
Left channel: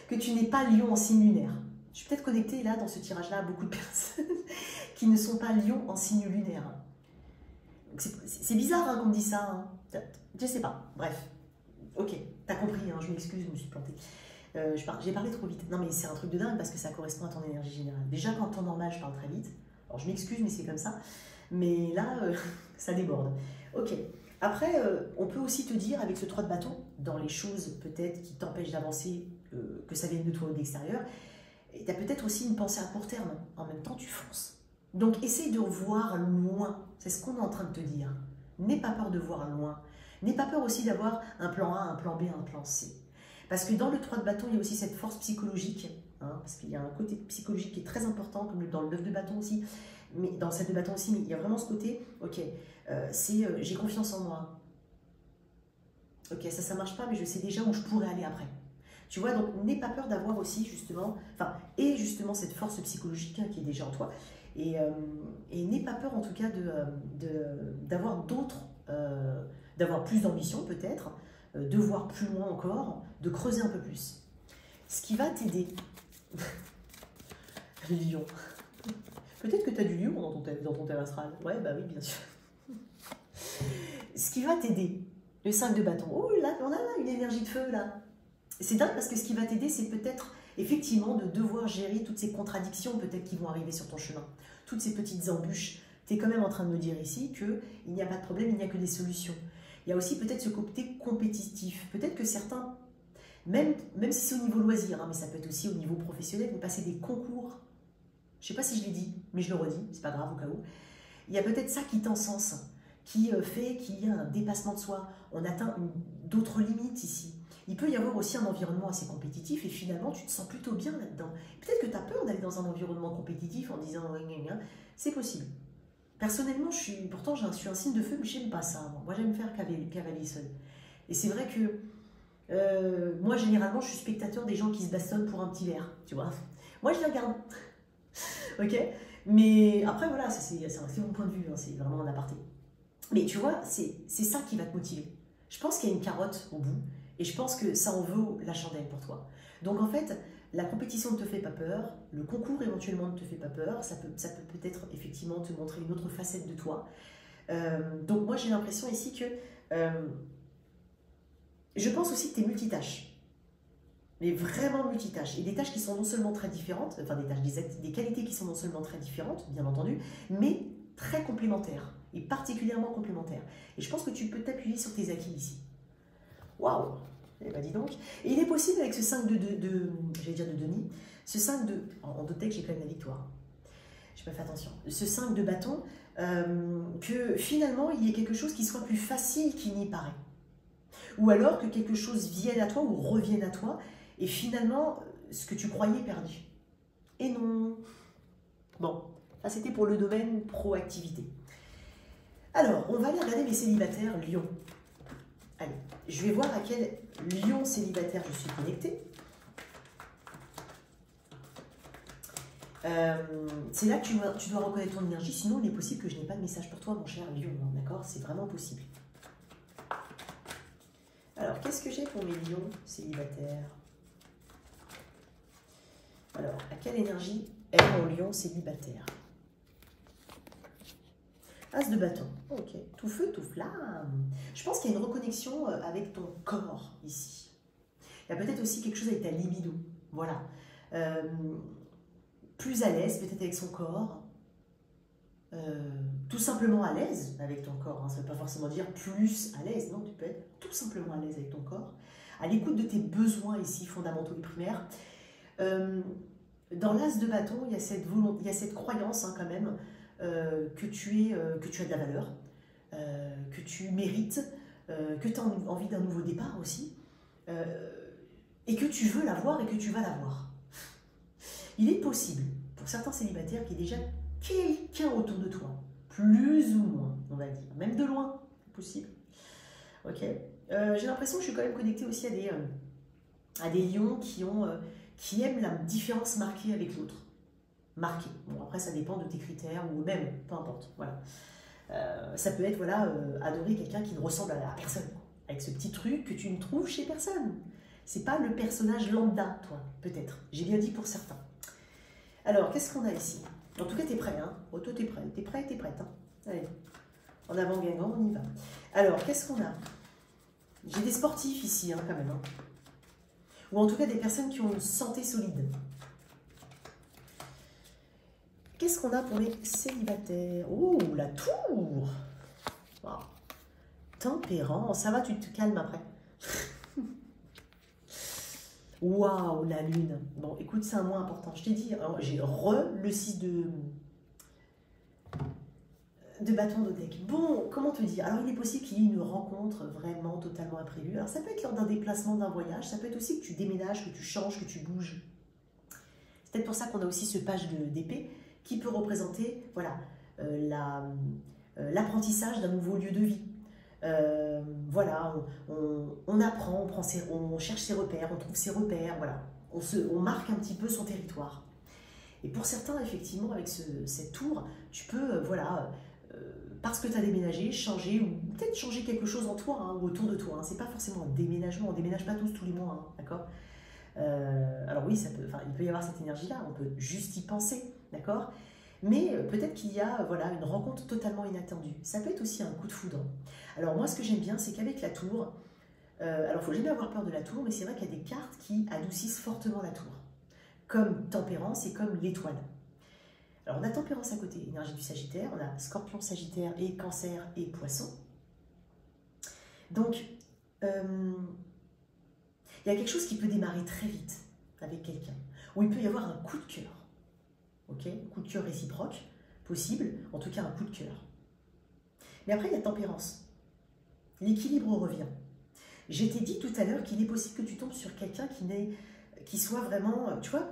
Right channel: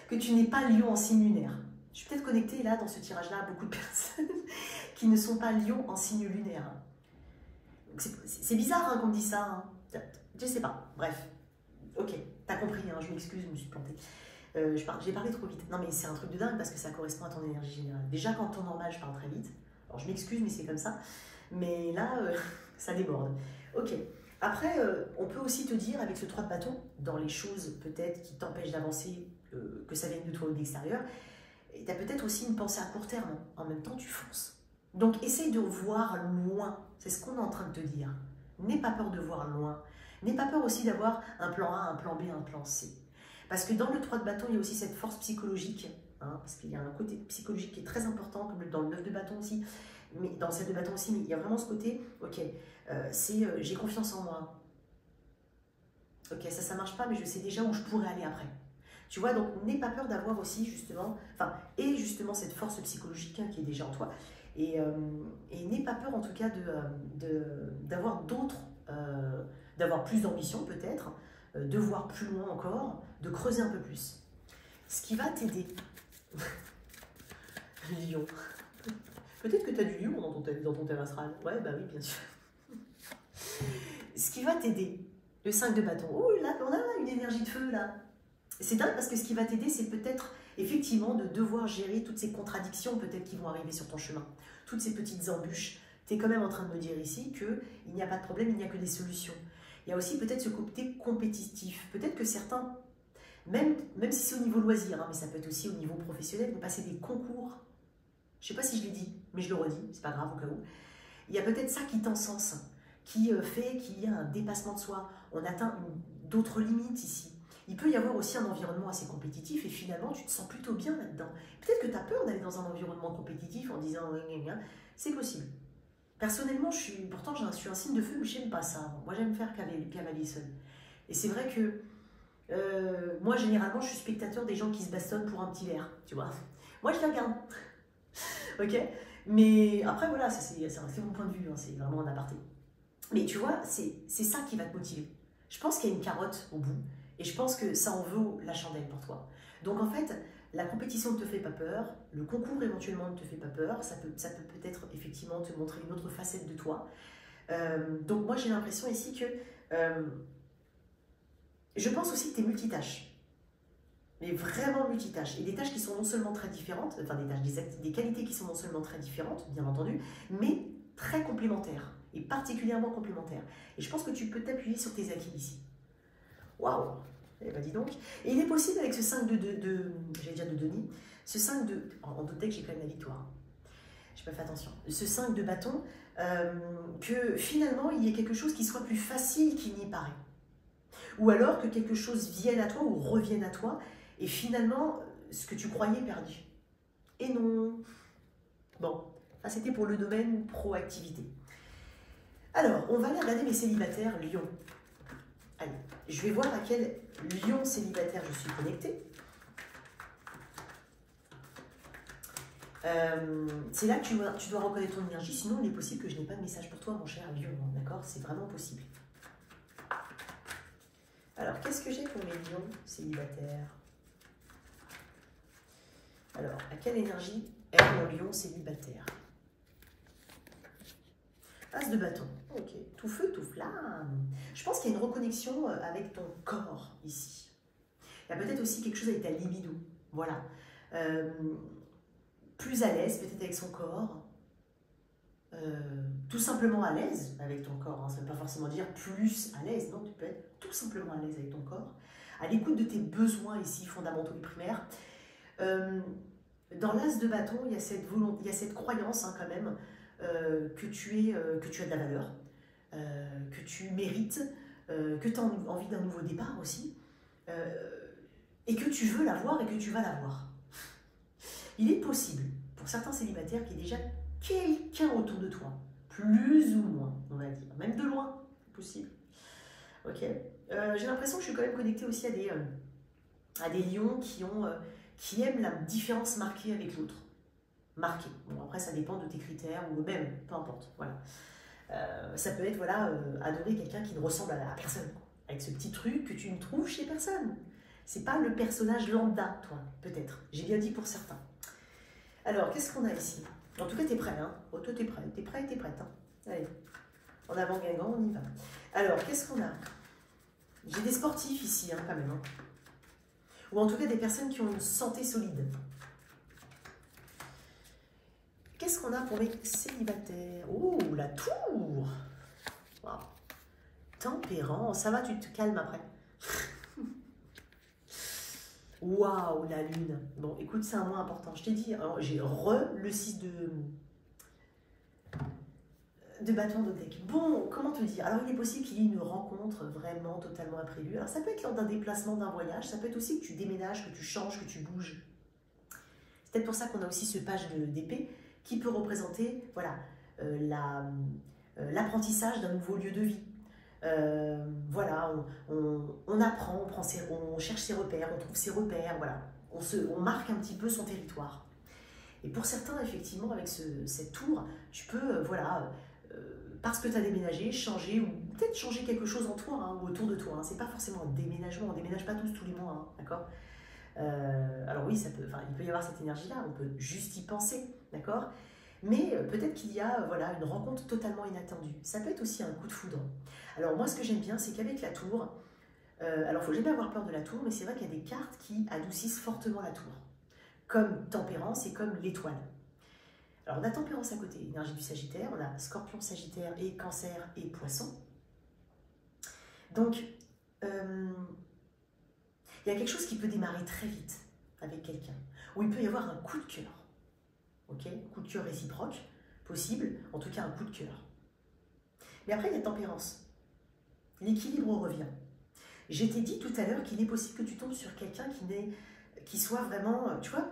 Que tu n'es pas lion en signe lunaire. Je suis peut-être connectée là, dans ce tirage-là, à beaucoup de personnes qui ne sont pas lion en signe lunaire. C'est bizarre hein, qu'on me dise ça. Hein. Je sais pas. Bref. Ok, t'as compris, hein, je m'excuse, je me suis plantée. J'ai parlé trop vite. Non mais c'est un truc de dingue parce que ça correspond à ton énergie générale. Déjà qu'en temps normal, je parle très vite. Alors je m'excuse, mais c'est comme ça. Mais là, ça déborde. Ok. Après, on peut aussi te dire, avec ce 3 de bâton, dans les choses peut-être qui t'empêchent d'avancer, que ça vienne de toi ou de l'extérieur, tu as peut-être aussi une pensée à court terme. En même temps, tu fonces. Donc, essaye de voir loin. C'est ce qu'on est en train de te dire. N'aie pas peur de voir loin. N'aie pas peur aussi d'avoir un plan A, un plan B, un plan C. Parce que dans le 3 de bâton, il y a aussi cette force psychologique. Hein, parce qu'il y a un côté psychologique qui est très important, comme dans le 9 de bâton aussi. Mais dans le 7 de bâton aussi, mais il y a vraiment ce côté, ok, j'ai confiance en moi. Ok, ça marche pas, mais je sais déjà où je pourrais aller après. Tu vois, donc n'aie pas peur d'avoir aussi justement, justement cette force psychologique hein, qui est déjà en toi. Et n'aie pas peur en tout cas d'avoir d'avoir plus d'ambition peut-être, de voir plus loin encore, de creuser un peu plus. Ce qui va t'aider, le lion. Peut-être que tu as du lion dans ton thème astral. Ouais, bah oui, bien sûr. Ce qui va t'aider, le 5 de bâton. Oh là, on a une énergie de feu là. C'est dingue parce que ce qui va t'aider, c'est peut-être effectivement de devoir gérer toutes ces contradictions peut-être qui vont arriver sur ton chemin. Toutes ces petites embûches Tu es quand même en train de me dire ici qu'il n'y a pas de problème, il n'y a que des solutions. Il y a aussi peut-être ce côté compétitif. Peut-être que certains, même si c'est au niveau loisir, hein, mais ça peut être aussi au niveau professionnel, vous passez des concours. Je ne sais pas si je l'ai dit, mais je le redis, c'est pas grave au cas où. Il y a peut-être ça qui t'encense, qui fait qu'il y a un dépassement de soi. On atteint d'autres limites ici. Il peut y avoir aussi un environnement assez compétitif et finalement tu te sens plutôt bien là-dedans. Peut-être que tu as peur d'aller dans un environnement compétitif en disant c'est possible. Personnellement, pourtant je suis un signe de feu, mais je n'aime pas ça. Moi j'aime faire cavalier seul. Et c'est vrai que moi généralement je suis spectateur des gens qui se bastonnent pour un petit verre, tu vois. Moi je les regarde. Ok. Mais après voilà, c'est mon point de vue, hein, c'est vraiment un aparté. Mais tu vois, c'est ça qui va te motiver. Je pense qu'il y a une carotte au bout. Et je pense que ça en vaut la chandelle pour toi. Donc en fait, la compétition ne te fait pas peur, le concours éventuellement ne te fait pas peur, ça peut peut-être effectivement te montrer une autre facette de toi. Donc moi j'ai l'impression ici que je pense aussi que tu es multitâche. Mais vraiment multitâche. Et des tâches qui sont non seulement très différentes, enfin des tâches, des qualités qui sont non seulement très différentes, bien entendu, mais très complémentaires. Et particulièrement complémentaires. Et je pense que tu peux t'appuyer sur tes acquis ici. Waouh! Eh ben dis donc. Et il est possible avec ce 5 j'allais dire de Denis, ce 5 de... En doute que j'ai quand même la victoire. Je n'ai pas fait attention. Ce 5 de bâton, que finalement il y ait quelque chose qui soit plus facile qu'il n'y paraît. Ou alors que quelque chose vienne à toi ou revienne à toi et finalement ce que tu croyais perdu. Et non. Bon, ça c'était pour le domaine proactivité. Alors, on va aller regarder les célibataires Lion. Allez, je vais voir à quel lion célibataire je suis connectée. C'est là que tu dois reconnaître ton énergie, sinon il est possible que je n'ai pas de message pour toi, mon cher lion. D'accord? C'est vraiment possible. Alors, qu'est-ce que j'ai pour mes lions célibataires? Alors, à quelle énergie est mon lion célibataire? As de bâton, ok, tout feu, tout flamme. Je pense qu'il y a une reconnexion avec ton corps ici. Il y a peut-être aussi quelque chose avec ta libido, voilà. Plus à l'aise peut-être avec son corps, tout simplement à l'aise avec ton corps. Hein. Ça ne veut pas forcément dire plus à l'aise, non, tu peux être tout simplement à l'aise avec ton corps. À l'écoute de tes besoins ici, fondamentaux et primaires. Dans l'as de bâton, il y a cette volonté, il y a cette croyance hein, quand même, que tu as de la valeur, que tu mérites, que tu as envie d'un nouveau départ aussi, et que tu veux l'avoir et que tu vas l'avoir. Il est possible, pour certains célibataires, qu'il y ait déjà quelqu'un autour de toi, plus ou moins, on va dire, même de loin, c'est possible. Ok. J'ai l'impression que je suis quand même connectée aussi à des lions qui aiment la différence marquée avec l'autre. Marqué. Bon, après, ça dépend de tes critères ou même, peu importe. Voilà. Ça peut être, voilà, adorer quelqu'un qui ne ressemble à personne. Avec ce petit truc que tu ne trouves chez personne. C'est pas le personnage lambda, toi, peut-être. J'ai bien dit pour certains. Alors, qu'est-ce qu'on a ici? En tout cas, t'es prêt, hein? Oh, toi, t'es prêt. T'es prêt, t'es prête, hein? Allez. En avant, gagnant, on y va. Alors, qu'est-ce qu'on a? J'ai des sportifs ici, hein, quand même. Hein. Ou en tout cas, des personnes qui ont une santé solide. Qu'est-ce qu'on a pour les célibataires? Oh, la tour! Wow. Tempérant, ça va, tu te calmes après. Waouh, la lune. Bon, écoute, c'est un mot important. Je t'ai dit, j'ai le 6 de bâton de deck. Bon, comment te dire? Alors, il est possible qu'il y ait une rencontre vraiment totalement imprévue. Alors, ça peut être lors d'un déplacement, d'un voyage. Ça peut être aussi que tu déménages, que tu changes, que tu bouges. C'est peut-être pour ça qu'on a aussi ce page d'épée qui peut représenter voilà, l'apprentissage d'un nouveau lieu de vie. Voilà, on apprend, on cherche ses repères, on trouve ses repères, voilà. On marque un petit peu son territoire. Et pour certains, effectivement, avec cette tour, tu peux, voilà, parce que tu as déménagé, changer, ou peut-être changer quelque chose en toi, hein, ou autour de toi. Hein. C'est pas forcément un déménagement, on ne déménage pas tous les mois, hein, d'accord? Alors oui, il peut y avoir cette énergie-là, on peut juste y penser, d'accord? Mais peut-être qu'il y a voilà, une rencontre totalement inattendue. Ça peut être aussi un coup de foudre. Alors moi, ce que j'aime bien, c'est qu'avec la tour, alors il ne faut jamais avoir peur de la tour, mais c'est vrai qu'il y a des cartes qui adoucissent fortement la tour, comme Tempérance et comme l'Étoile. Alors, on a tempérance à côté, énergie du Sagittaire, on a Scorpion, Sagittaire et Cancer et Poisson. Donc, il y a quelque chose qui peut démarrer très vite avec quelqu'un, où il peut y avoir un coup de cœur, ok, coup de cœur réciproque, possible, en tout cas un coup de cœur. Mais après, il y a tempérance. L'équilibre revient. Je t'ai dit tout à l'heure qu'il est possible que tu tombes sur quelqu'un qui soit vraiment, tu vois,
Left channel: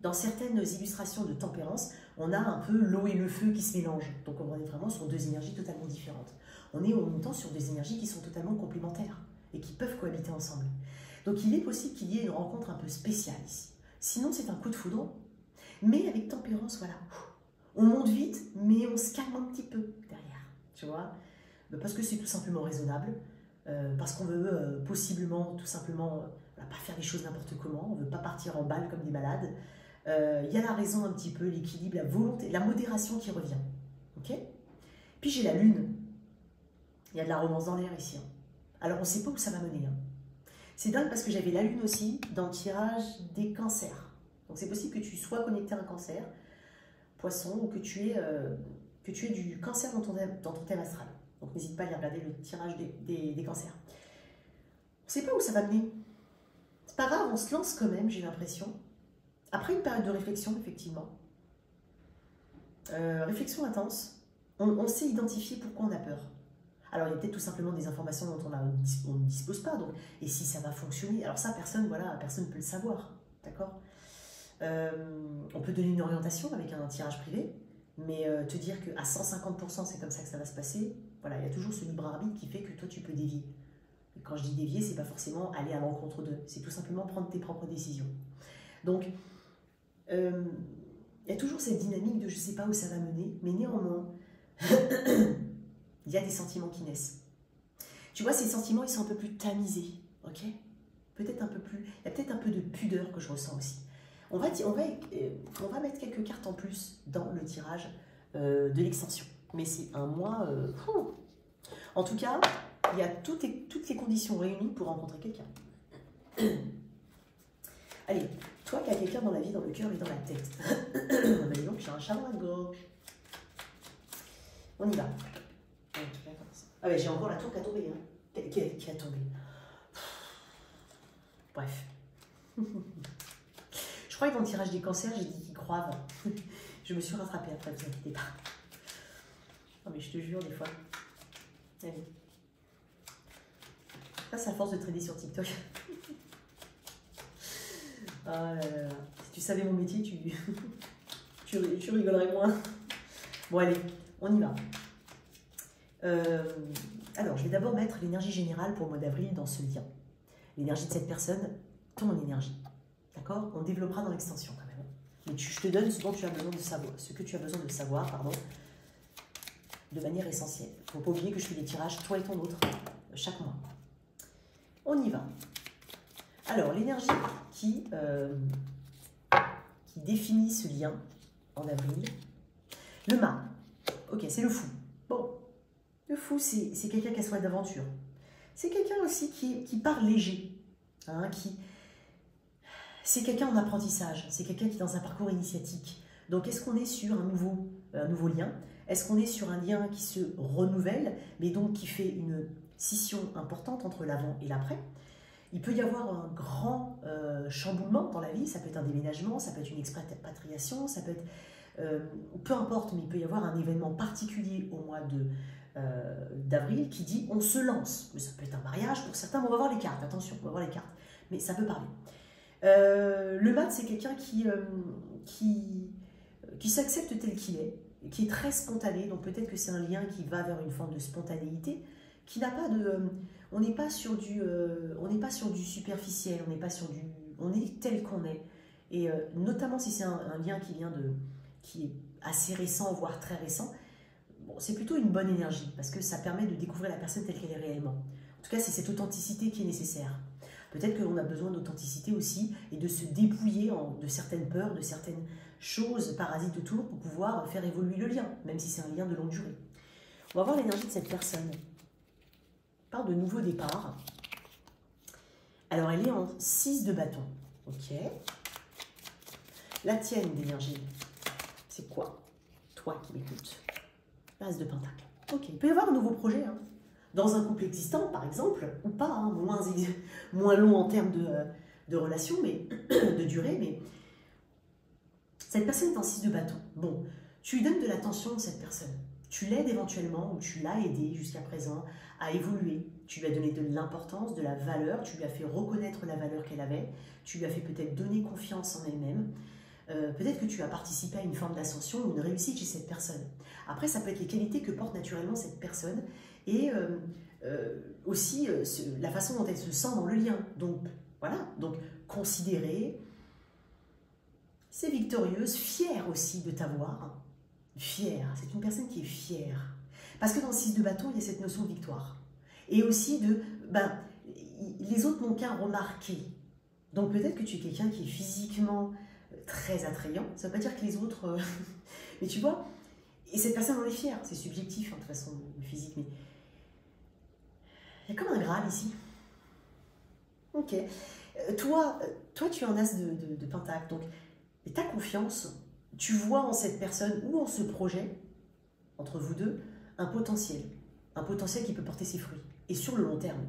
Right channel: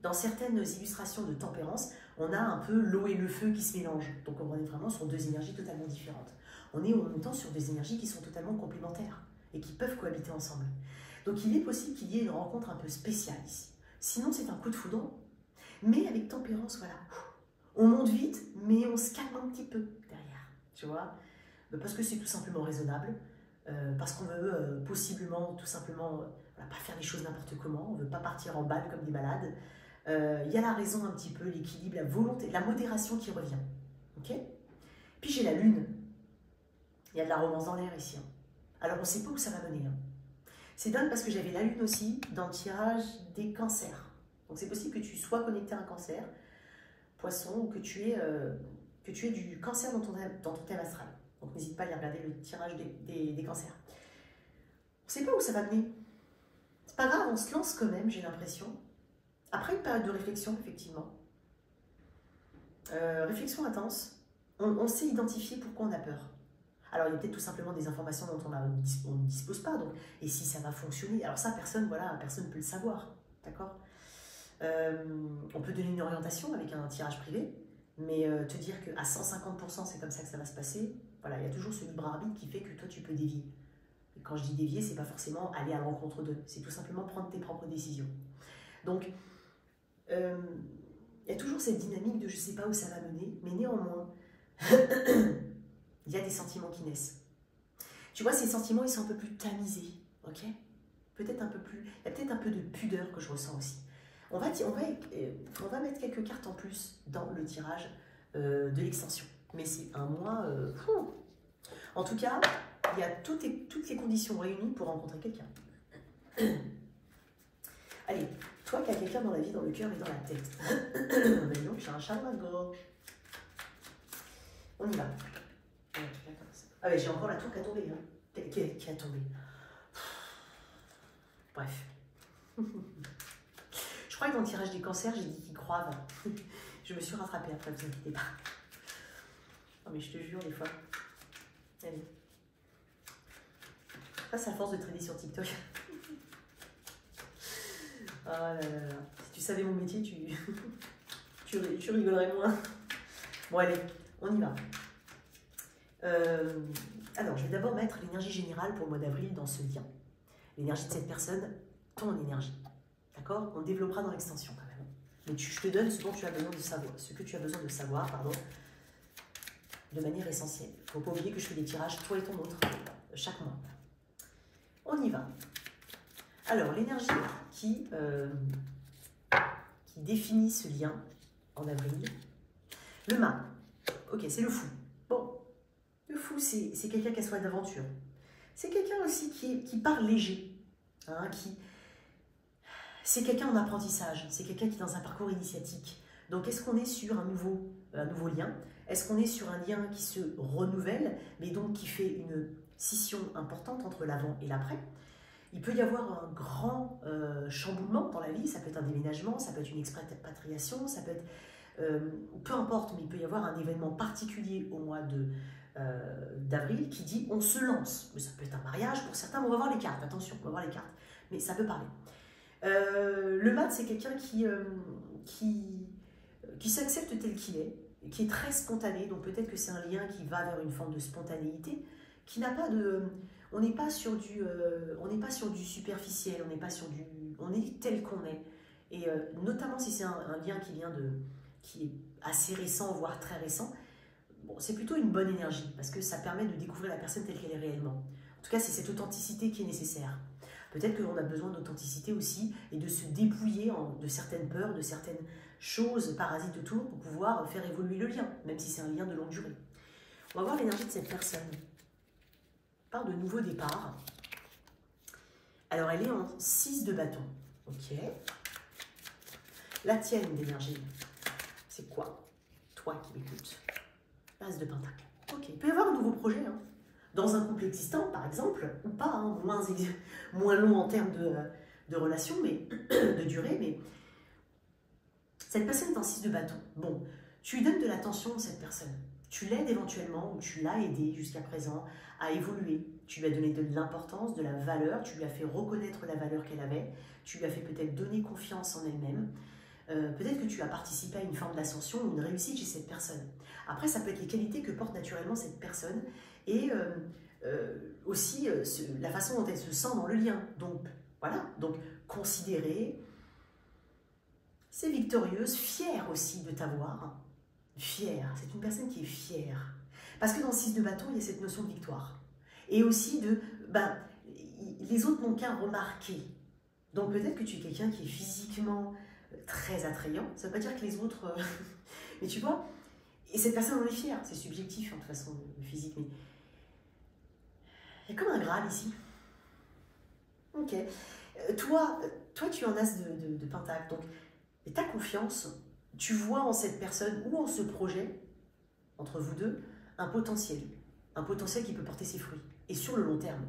dans certaines illustrations de tempérance, on a un peu l'eau et le feu qui se mélangent. Donc on est vraiment sur deux énergies totalement différentes. On est en même temps sur des énergies qui sont totalement complémentaires et qui peuvent cohabiter ensemble. Donc il est possible qu'il y ait une rencontre un peu spéciale ici. Sinon c'est un coup de foudre, mais avec tempérance, voilà. On monte vite, mais on se calme un petit peu derrière, tu vois, parce que c'est tout simplement raisonnable, parce qu'on veut possiblement, tout simplement, pas faire les choses n'importe comment, on ne veut pas partir en balle comme des malades. Il y a la raison un petit peu, l'équilibre, la volonté, la modération qui revient. Ok. Puis j'ai la lune. Il y a de la romance dans l'air ici. Hein. Alors on ne sait pas où ça va mener. Hein. C'est dingue parce que j'avais la lune aussi dans le tirage des cancers. Donc c'est possible que tu sois connecté à un cancer, poisson, ou que tu aies du cancer dans ton thème astral. Donc n'hésite pas à aller regarder le tirage des cancers. On ne sait pas où ça va mener. C'est pas grave, on se lance quand même, j'ai l'impression. Après une période de réflexion, effectivement. Réflexion intense. On sait identifier pourquoi on a peur. Alors, il y a peut-être tout simplement des informations dont on ne dispose pas. Donc, et si ça va fonctionner, alors ça, personne ne peut le savoir. D'accord. On peut donner une orientation avec un tirage privé, mais te dire qu'à 150%, c'est comme ça que ça va se passer, voilà, il y a toujours ce libre arbitre qui fait que toi, tu peux dévier. Et quand je dis dévier, c'est pas forcément aller à l'encontre d'eux, c'est tout simplement prendre tes propres décisions. Donc, il y a toujours cette dynamique de je sais pas où ça va mener, mais néanmoins, il y a des sentiments qui naissent. Tu vois, ces sentiments, ils sont un peu plus tamisés, ok? Peut-être un peu plus, il y a peut-être un peu de pudeur que je ressens aussi. On va mettre quelques cartes en plus dans le tirage de l'extension. Mais c'est un mois... En tout cas, il y a toutes les conditions réunies pour rencontrer quelqu'un. Allez, toi qui as quelqu'un dans la vie, dans le cœur et dans la tête. Mais donc, j'ai un chat dans la gorge. On y va. Ah ben j'ai encore la tour qui a tombé. Hein. Qui a tombé. Bref. Je crois que dans le tirage des cancers, j'ai dit qu'ils croivent. Je me suis rattrapée après, ne vous inquiétez pas. Non mais je te jure, des fois. Allez. Ça, c'est à force de traîner sur TikTok. Oh là là là. Si tu savais mon métier, tu rigolerais moins. Bon allez, on y va. Alors, je vais d'abord mettre l'énergie générale pour le mois d'avril dans ce lien. L'énergie de cette personne, ton énergie. D'accord? On développera dans l'extension quand même. Mais je te donne ce dont tu as besoin de savoir, ce que tu as besoin de savoir, pardon, de manière essentielle. Il ne faut pas oublier que je fais des tirages, toi et ton autre, chaque mois. On y va. Alors, l'énergie qui définit ce lien en avril. Le mât. Ok, c'est le fou. Bon, le fou, c'est quelqu'un qui a soif d'aventure. C'est quelqu'un aussi qui part léger. Hein, c'est quelqu'un en apprentissage. C'est quelqu'un qui est dans un parcours initiatique. Donc, est-ce qu'on est sur un nouveau lien? Est-ce qu'on est sur un lien qui se renouvelle, mais donc qui fait une scission importante entre l'avant et l'après? Il peut y avoir un grand chamboulement dans la vie. Ça peut être un déménagement, ça peut être une expatriation, ça peut être... peu importe, mais il peut y avoir un événement particulier au mois d'avril qui dit on se lance. Mais ça peut être un mariage pour certains, mais on va voir les cartes, attention, on va voir les cartes. Mais ça peut parler. Le mat, c'est quelqu'un qui s'accepte tel qu'il est, et qui est très spontané, donc peut-être que c'est un lien qui va vers une forme de spontanéité, qui n'a pas de... On n'est pas sur du superficiel, on est tel qu'on est. Et notamment si c'est un lien qui est assez récent, voire très récent, bon, c'est plutôt une bonne énergie, parce que ça permet de découvrir la personne telle qu'elle est réellement. En tout cas, c'est cette authenticité qui est nécessaire. Peut-être qu'on a besoin d'authenticité aussi, et de se dépouiller de certaines peurs, de certaines choses parasites autour, pour pouvoir faire évoluer le lien, même si c'est un lien de longue durée. On va voir l'énergie de cette personne. On parle de nouveau départ. Alors, elle est en 6 de bâton. Ok. La tienne d'énergie. C'est quoi? Toi qui m'écoutes. L'As de Pentacle. Ok, il peut y avoir un nouveau projet, hein. Dans un couple existant, par exemple, ou pas, hein, moins long en termes de relation, mais de durée, mais cette personne est en 6 de bâton. Bon, tu lui donnes de l'attention à cette personne. Tu l'aides éventuellement, ou tu l'as aidé jusqu'à présent à évoluer. Tu lui as donné de l'importance, de la valeur, tu lui as fait reconnaître la valeur qu'elle avait, tu lui as fait peut-être donner confiance en elle-même. Peut-être que tu as participé à une forme d'ascension ou une réussite chez cette personne. Après, ça peut être les qualités que porte naturellement cette personne et aussi la façon dont elle se sent dans le lien. Donc, voilà, donc considérer, c'est victorieuse, fière aussi de t'avoir. Fière, c'est une personne qui est fière. Parce que dans le 6 de bâton, il y a cette notion de victoire. Et aussi de, les autres n'ont qu'à remarquer. Donc peut-être que tu es quelqu'un qui est physiquement très attrayant. Ça ne veut pas dire que les autres... mais tu vois, et cette personne en est fière. C'est subjectif, hein, de toute façon, le physique. Mais il y a comme un Graal ici. Ok. Toi, tu es en as de Pentacle. Donc, ta confiance, tu vois en cette personne ou en ce projet, entre vous deux, un potentiel qui peut porter ses fruits, et sur le long terme.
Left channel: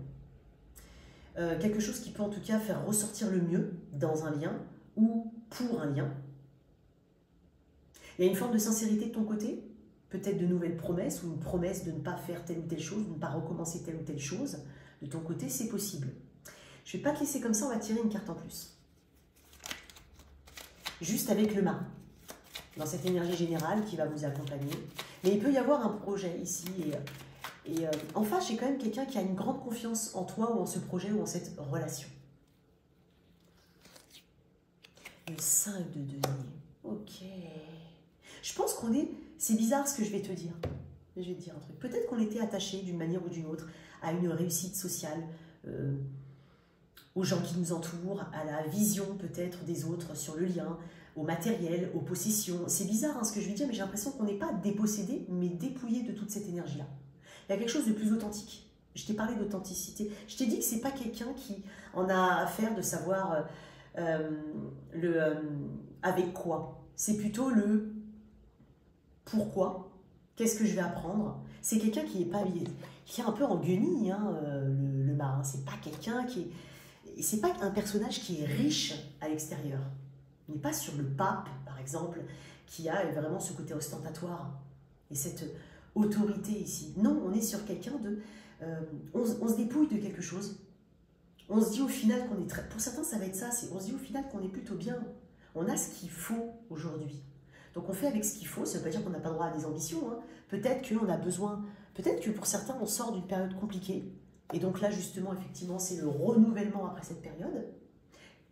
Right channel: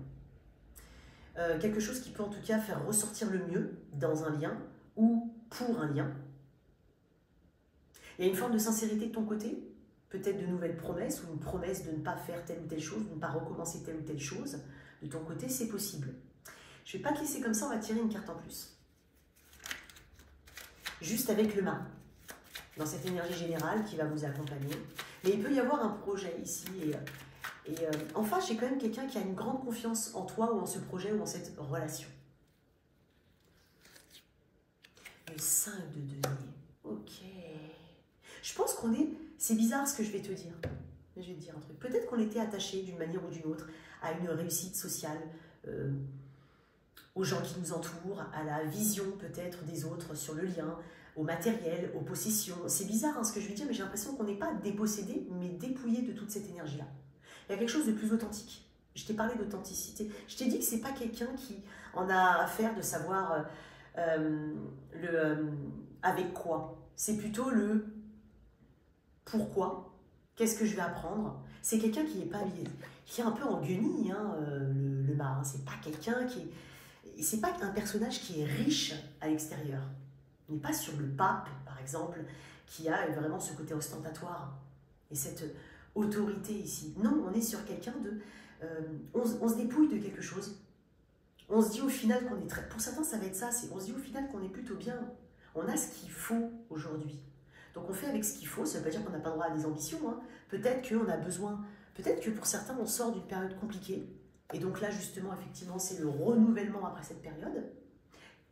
Quelque chose qui peut en tout cas faire ressortir le mieux dans un lien, ou pour un lien. Il y a une forme de sincérité de ton côté, peut-être de nouvelles promesses, ou une promesse de ne pas faire telle ou telle chose, de ne pas recommencer telle ou telle chose. De ton côté, c'est possible. Je ne vais pas te laisser comme ça, on va tirer une carte en plus. Juste avec le mât, dans cette énergie générale qui va vous accompagner. Mais il peut y avoir un projet ici. Et en face, j'ai quand même quelqu'un qui a une grande confiance en toi ou en ce projet ou en cette relation. Le 5 de denier. Ok. Je pense qu'on est... C'est bizarre ce que je vais te dire. Mais je vais te dire un truc. Peut-être qu'on était attaché d'une manière ou d'une autre à une réussite sociale, aux gens qui nous entourent, à la vision peut-être des autres sur le lien, au matériel, aux possessions. C'est bizarre hein, ce que je vais dire, mais j'ai l'impression qu'on n'est pas dépossédé, mais dépouillé de toute cette énergie-là. Il y a quelque chose de plus authentique. Je t'ai parlé d'authenticité. Je t'ai dit que ce n'est pas quelqu'un qui en a affaire de savoir avec quoi. C'est plutôt le pourquoi, qu'est-ce que je vais apprendre. C'est quelqu'un qui est un peu en guenille, hein, le marin. C'est pas quelqu'un qui est... C'est pas un personnage qui est riche à l'extérieur. On n'est pas sur le pape, par exemple, qui a vraiment ce côté ostentatoire et cette autorité ici. Non, on est sur quelqu'un de... on se dépouille de quelque chose. On se dit au final qu'on est très... Pour certains, ça va être ça. On se dit au final qu'on est plutôt bien. On a ce qu'il faut aujourd'hui. Donc on fait avec ce qu'il faut. Ça ne veut pas dire qu'on n'a pas droit à des ambitions. Hein. Peut-être qu'on a besoin... Peut-être que pour certains, on sort d'une période compliquée. Et donc là, justement, effectivement, c'est le renouvellement après cette période.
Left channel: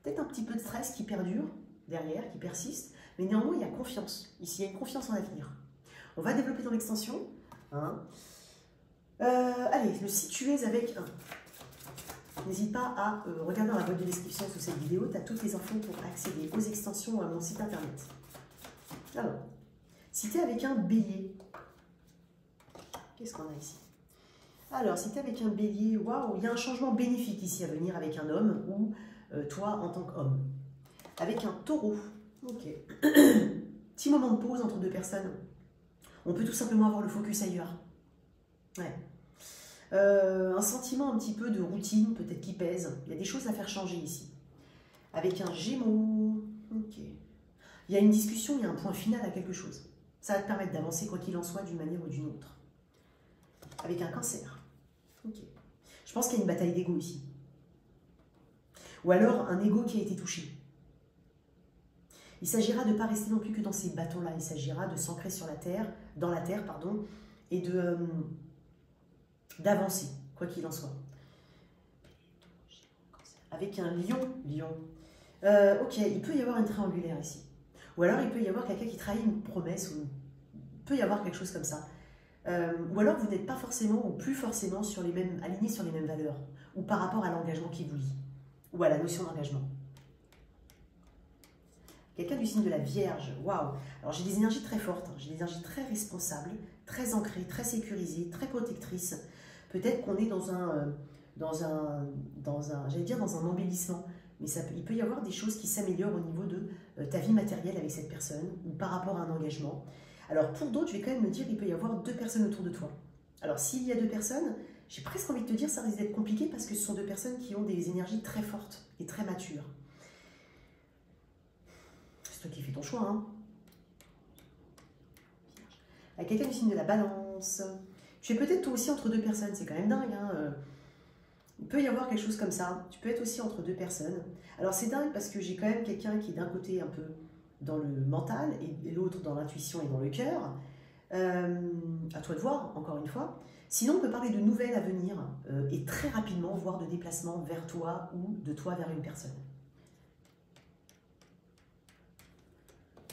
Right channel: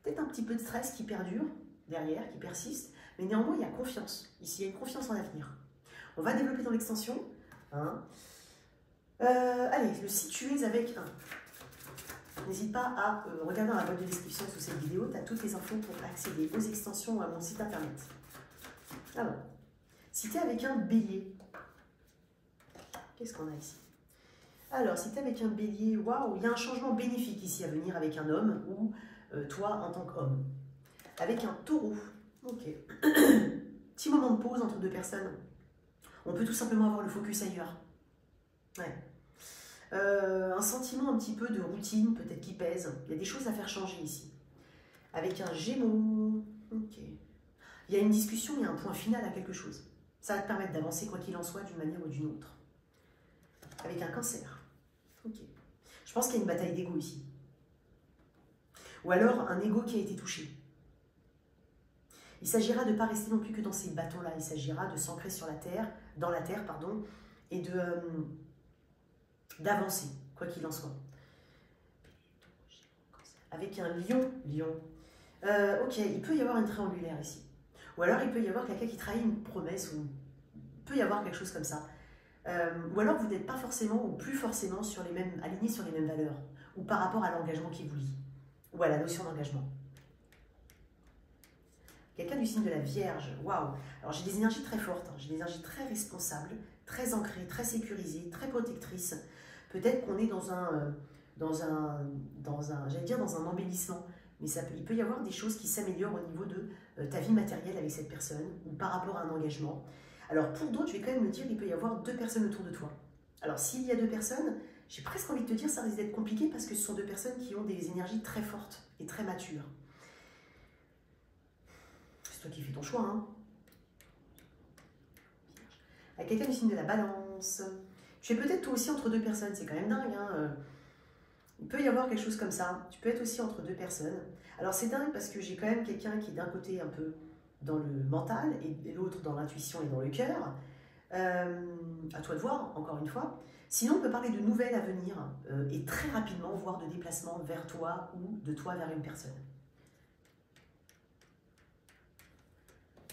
Peut-être un petit peu de stress qui perdure derrière, qui persiste. Mais néanmoins, il y a confiance. Ici, il y a une confiance en l'avenir. On va développer dans l'extension. Hein. Allez, le si tu es avec un. N'hésite pas à regarder dans la boîte de description sous cette vidéo. Tu as toutes les infos pour accéder aux extensions à mon site internet. Alors, si tu es avec un bélier, qu'est-ce qu'on a ici? Alors, si tu es avec un bélier, waouh, il y a un changement bénéfique ici à venir avec un homme ou toi en tant qu'homme. Avec un taureau, ok. Petit moment de pause entre deux personnes. On peut tout simplement avoir le focus ailleurs. Ouais. Un sentiment un petit peu de routine, peut-être qui pèse. Il y a des choses à faire changer ici. Avec un Gémeaux, ok. Il y a une discussion, il y a un point final à quelque chose. Ça va te permettre d'avancer quoi qu'il en soit d'une manière ou d'une autre. Avec un Cancer, ok. Je pense qu'il y a une bataille d'ego ici. Ou alors un ego qui a été touché. Il s'agira de ne pas rester non plus que dans ces bâtons-là. Il s'agira de s'ancrer sur la terre, dans la terre, pardon, et d'avancer, quoi qu'il en soit. Avec un lion. Ok, il peut y avoir une triangulaire ici. Ou alors il peut y avoir quelqu'un qui trahit une promesse, ou il peut y avoir quelque chose comme ça. Ou alors vous n'êtes pas forcément, ou plus forcément, alignés sur les mêmes valeurs, ou par rapport à l'engagement qui vous lie, ou à la notion d'engagement. Quelqu'un du signe de la Vierge, waouh! Alors j'ai des énergies très fortes, hein. J'ai des énergies très responsables, très ancrées, très sécurisées, très protectrices. Peut-être qu'on est dans un embellissement, mais il peut y avoir des choses qui s'améliorent au niveau de ta vie matérielle avec cette personne ou par rapport à un engagement. Alors pour d'autres, je vais quand même me dire qu'il peut y avoir 2 personnes autour de toi. Alors s'il y a 2 personnes, j'ai presque envie de te dire ça risque d'être compliqué parce que ce sont 2 personnes qui ont des énergies très fortes et très matures. C'est toi qui fais ton choix, hein. À quelqu'un du signe de la balance. Tu es peut-être toi aussi entre 2 personnes, c'est quand même dingue, hein. Il peut y avoir quelque chose comme ça. Tu peux être aussi entre 2 personnes. Alors c'est dingue parce que j'ai quand même quelqu'un qui est d'un côté un peu dans le mental et l'autre dans l'intuition et dans le cœur. À toi de voir, encore une fois. Sinon, on peut parler de nouvelles à venir et très rapidement, voire de déplacement vers toi ou de toi vers une personne.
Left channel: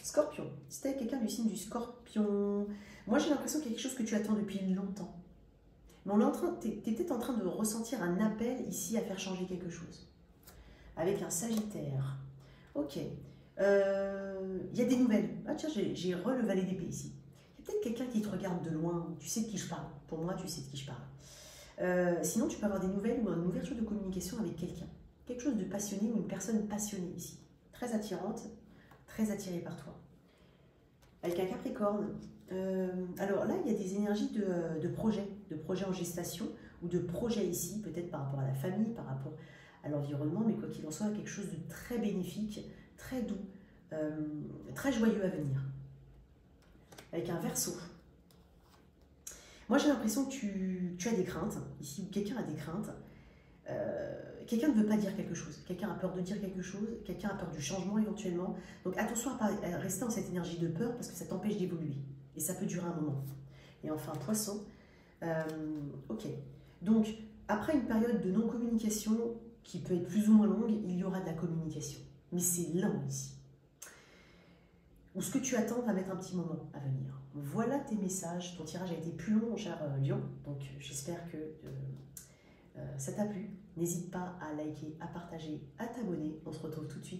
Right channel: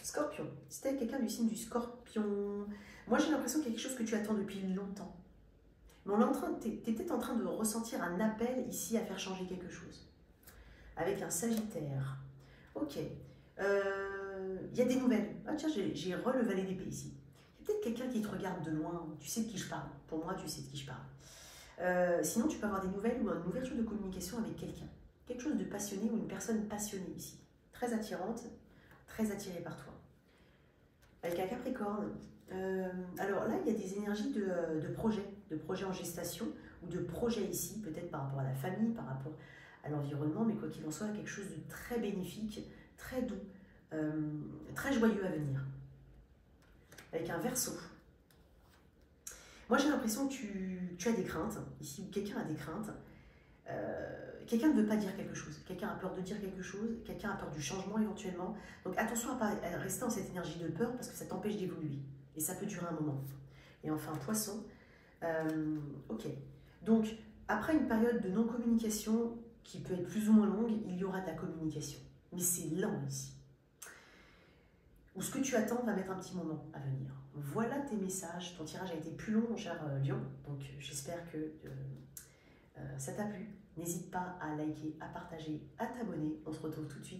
Scorpion. Si tu es quelqu'un du signe du Scorpion, moi j'ai l'impression qu'il y a quelque chose que tu attends depuis longtemps. Mais tu es peut-être en train de ressentir un appel ici à faire changer quelque chose. Avec un Sagittaire. Ok. Il y a des nouvelles. Ah tiens, j'ai le valet d'épée ici. Il y a peut-être quelqu'un qui te regarde de loin. Tu sais de qui je parle. Pour moi, tu sais de qui je parle. Sinon, tu peux avoir des nouvelles ou une ouverture de communication avec quelqu'un. Quelque chose de passionné ou une personne passionnée ici. Très attirante, très attirée par toi. Avec un Capricorne. Alors là, il y a des énergies de projets en gestation ou de projets ici, peut-être par rapport à la famille, par rapport à l'environnement, mais quoi qu'il en soit, quelque chose de très bénéfique, très doux, très joyeux à venir. Avec un Verseau. Moi, j'ai l'impression que tu as des craintes, ici, ou quelqu'un a des craintes. Quelqu'un ne veut pas dire quelque chose, quelqu'un a peur de dire quelque chose, quelqu'un a peur du changement éventuellement. Donc attention à ne pas rester dans cette énergie de peur parce que ça t'empêche d'évoluer. Et ça peut durer un moment. Et enfin, Poisson. Ok. Donc, après une période de non-communication qui peut être plus ou moins longue, il y aura de la communication. Mais c'est lent ici. Ou ce que tu attends va mettre un petit moment à venir. Voilà tes messages. Ton tirage a été plus long, mon cher Lion. Donc, j'espère que ça t'a plu. N'hésite pas à liker, à partager, à t'abonner. On se retrouve tout de suite.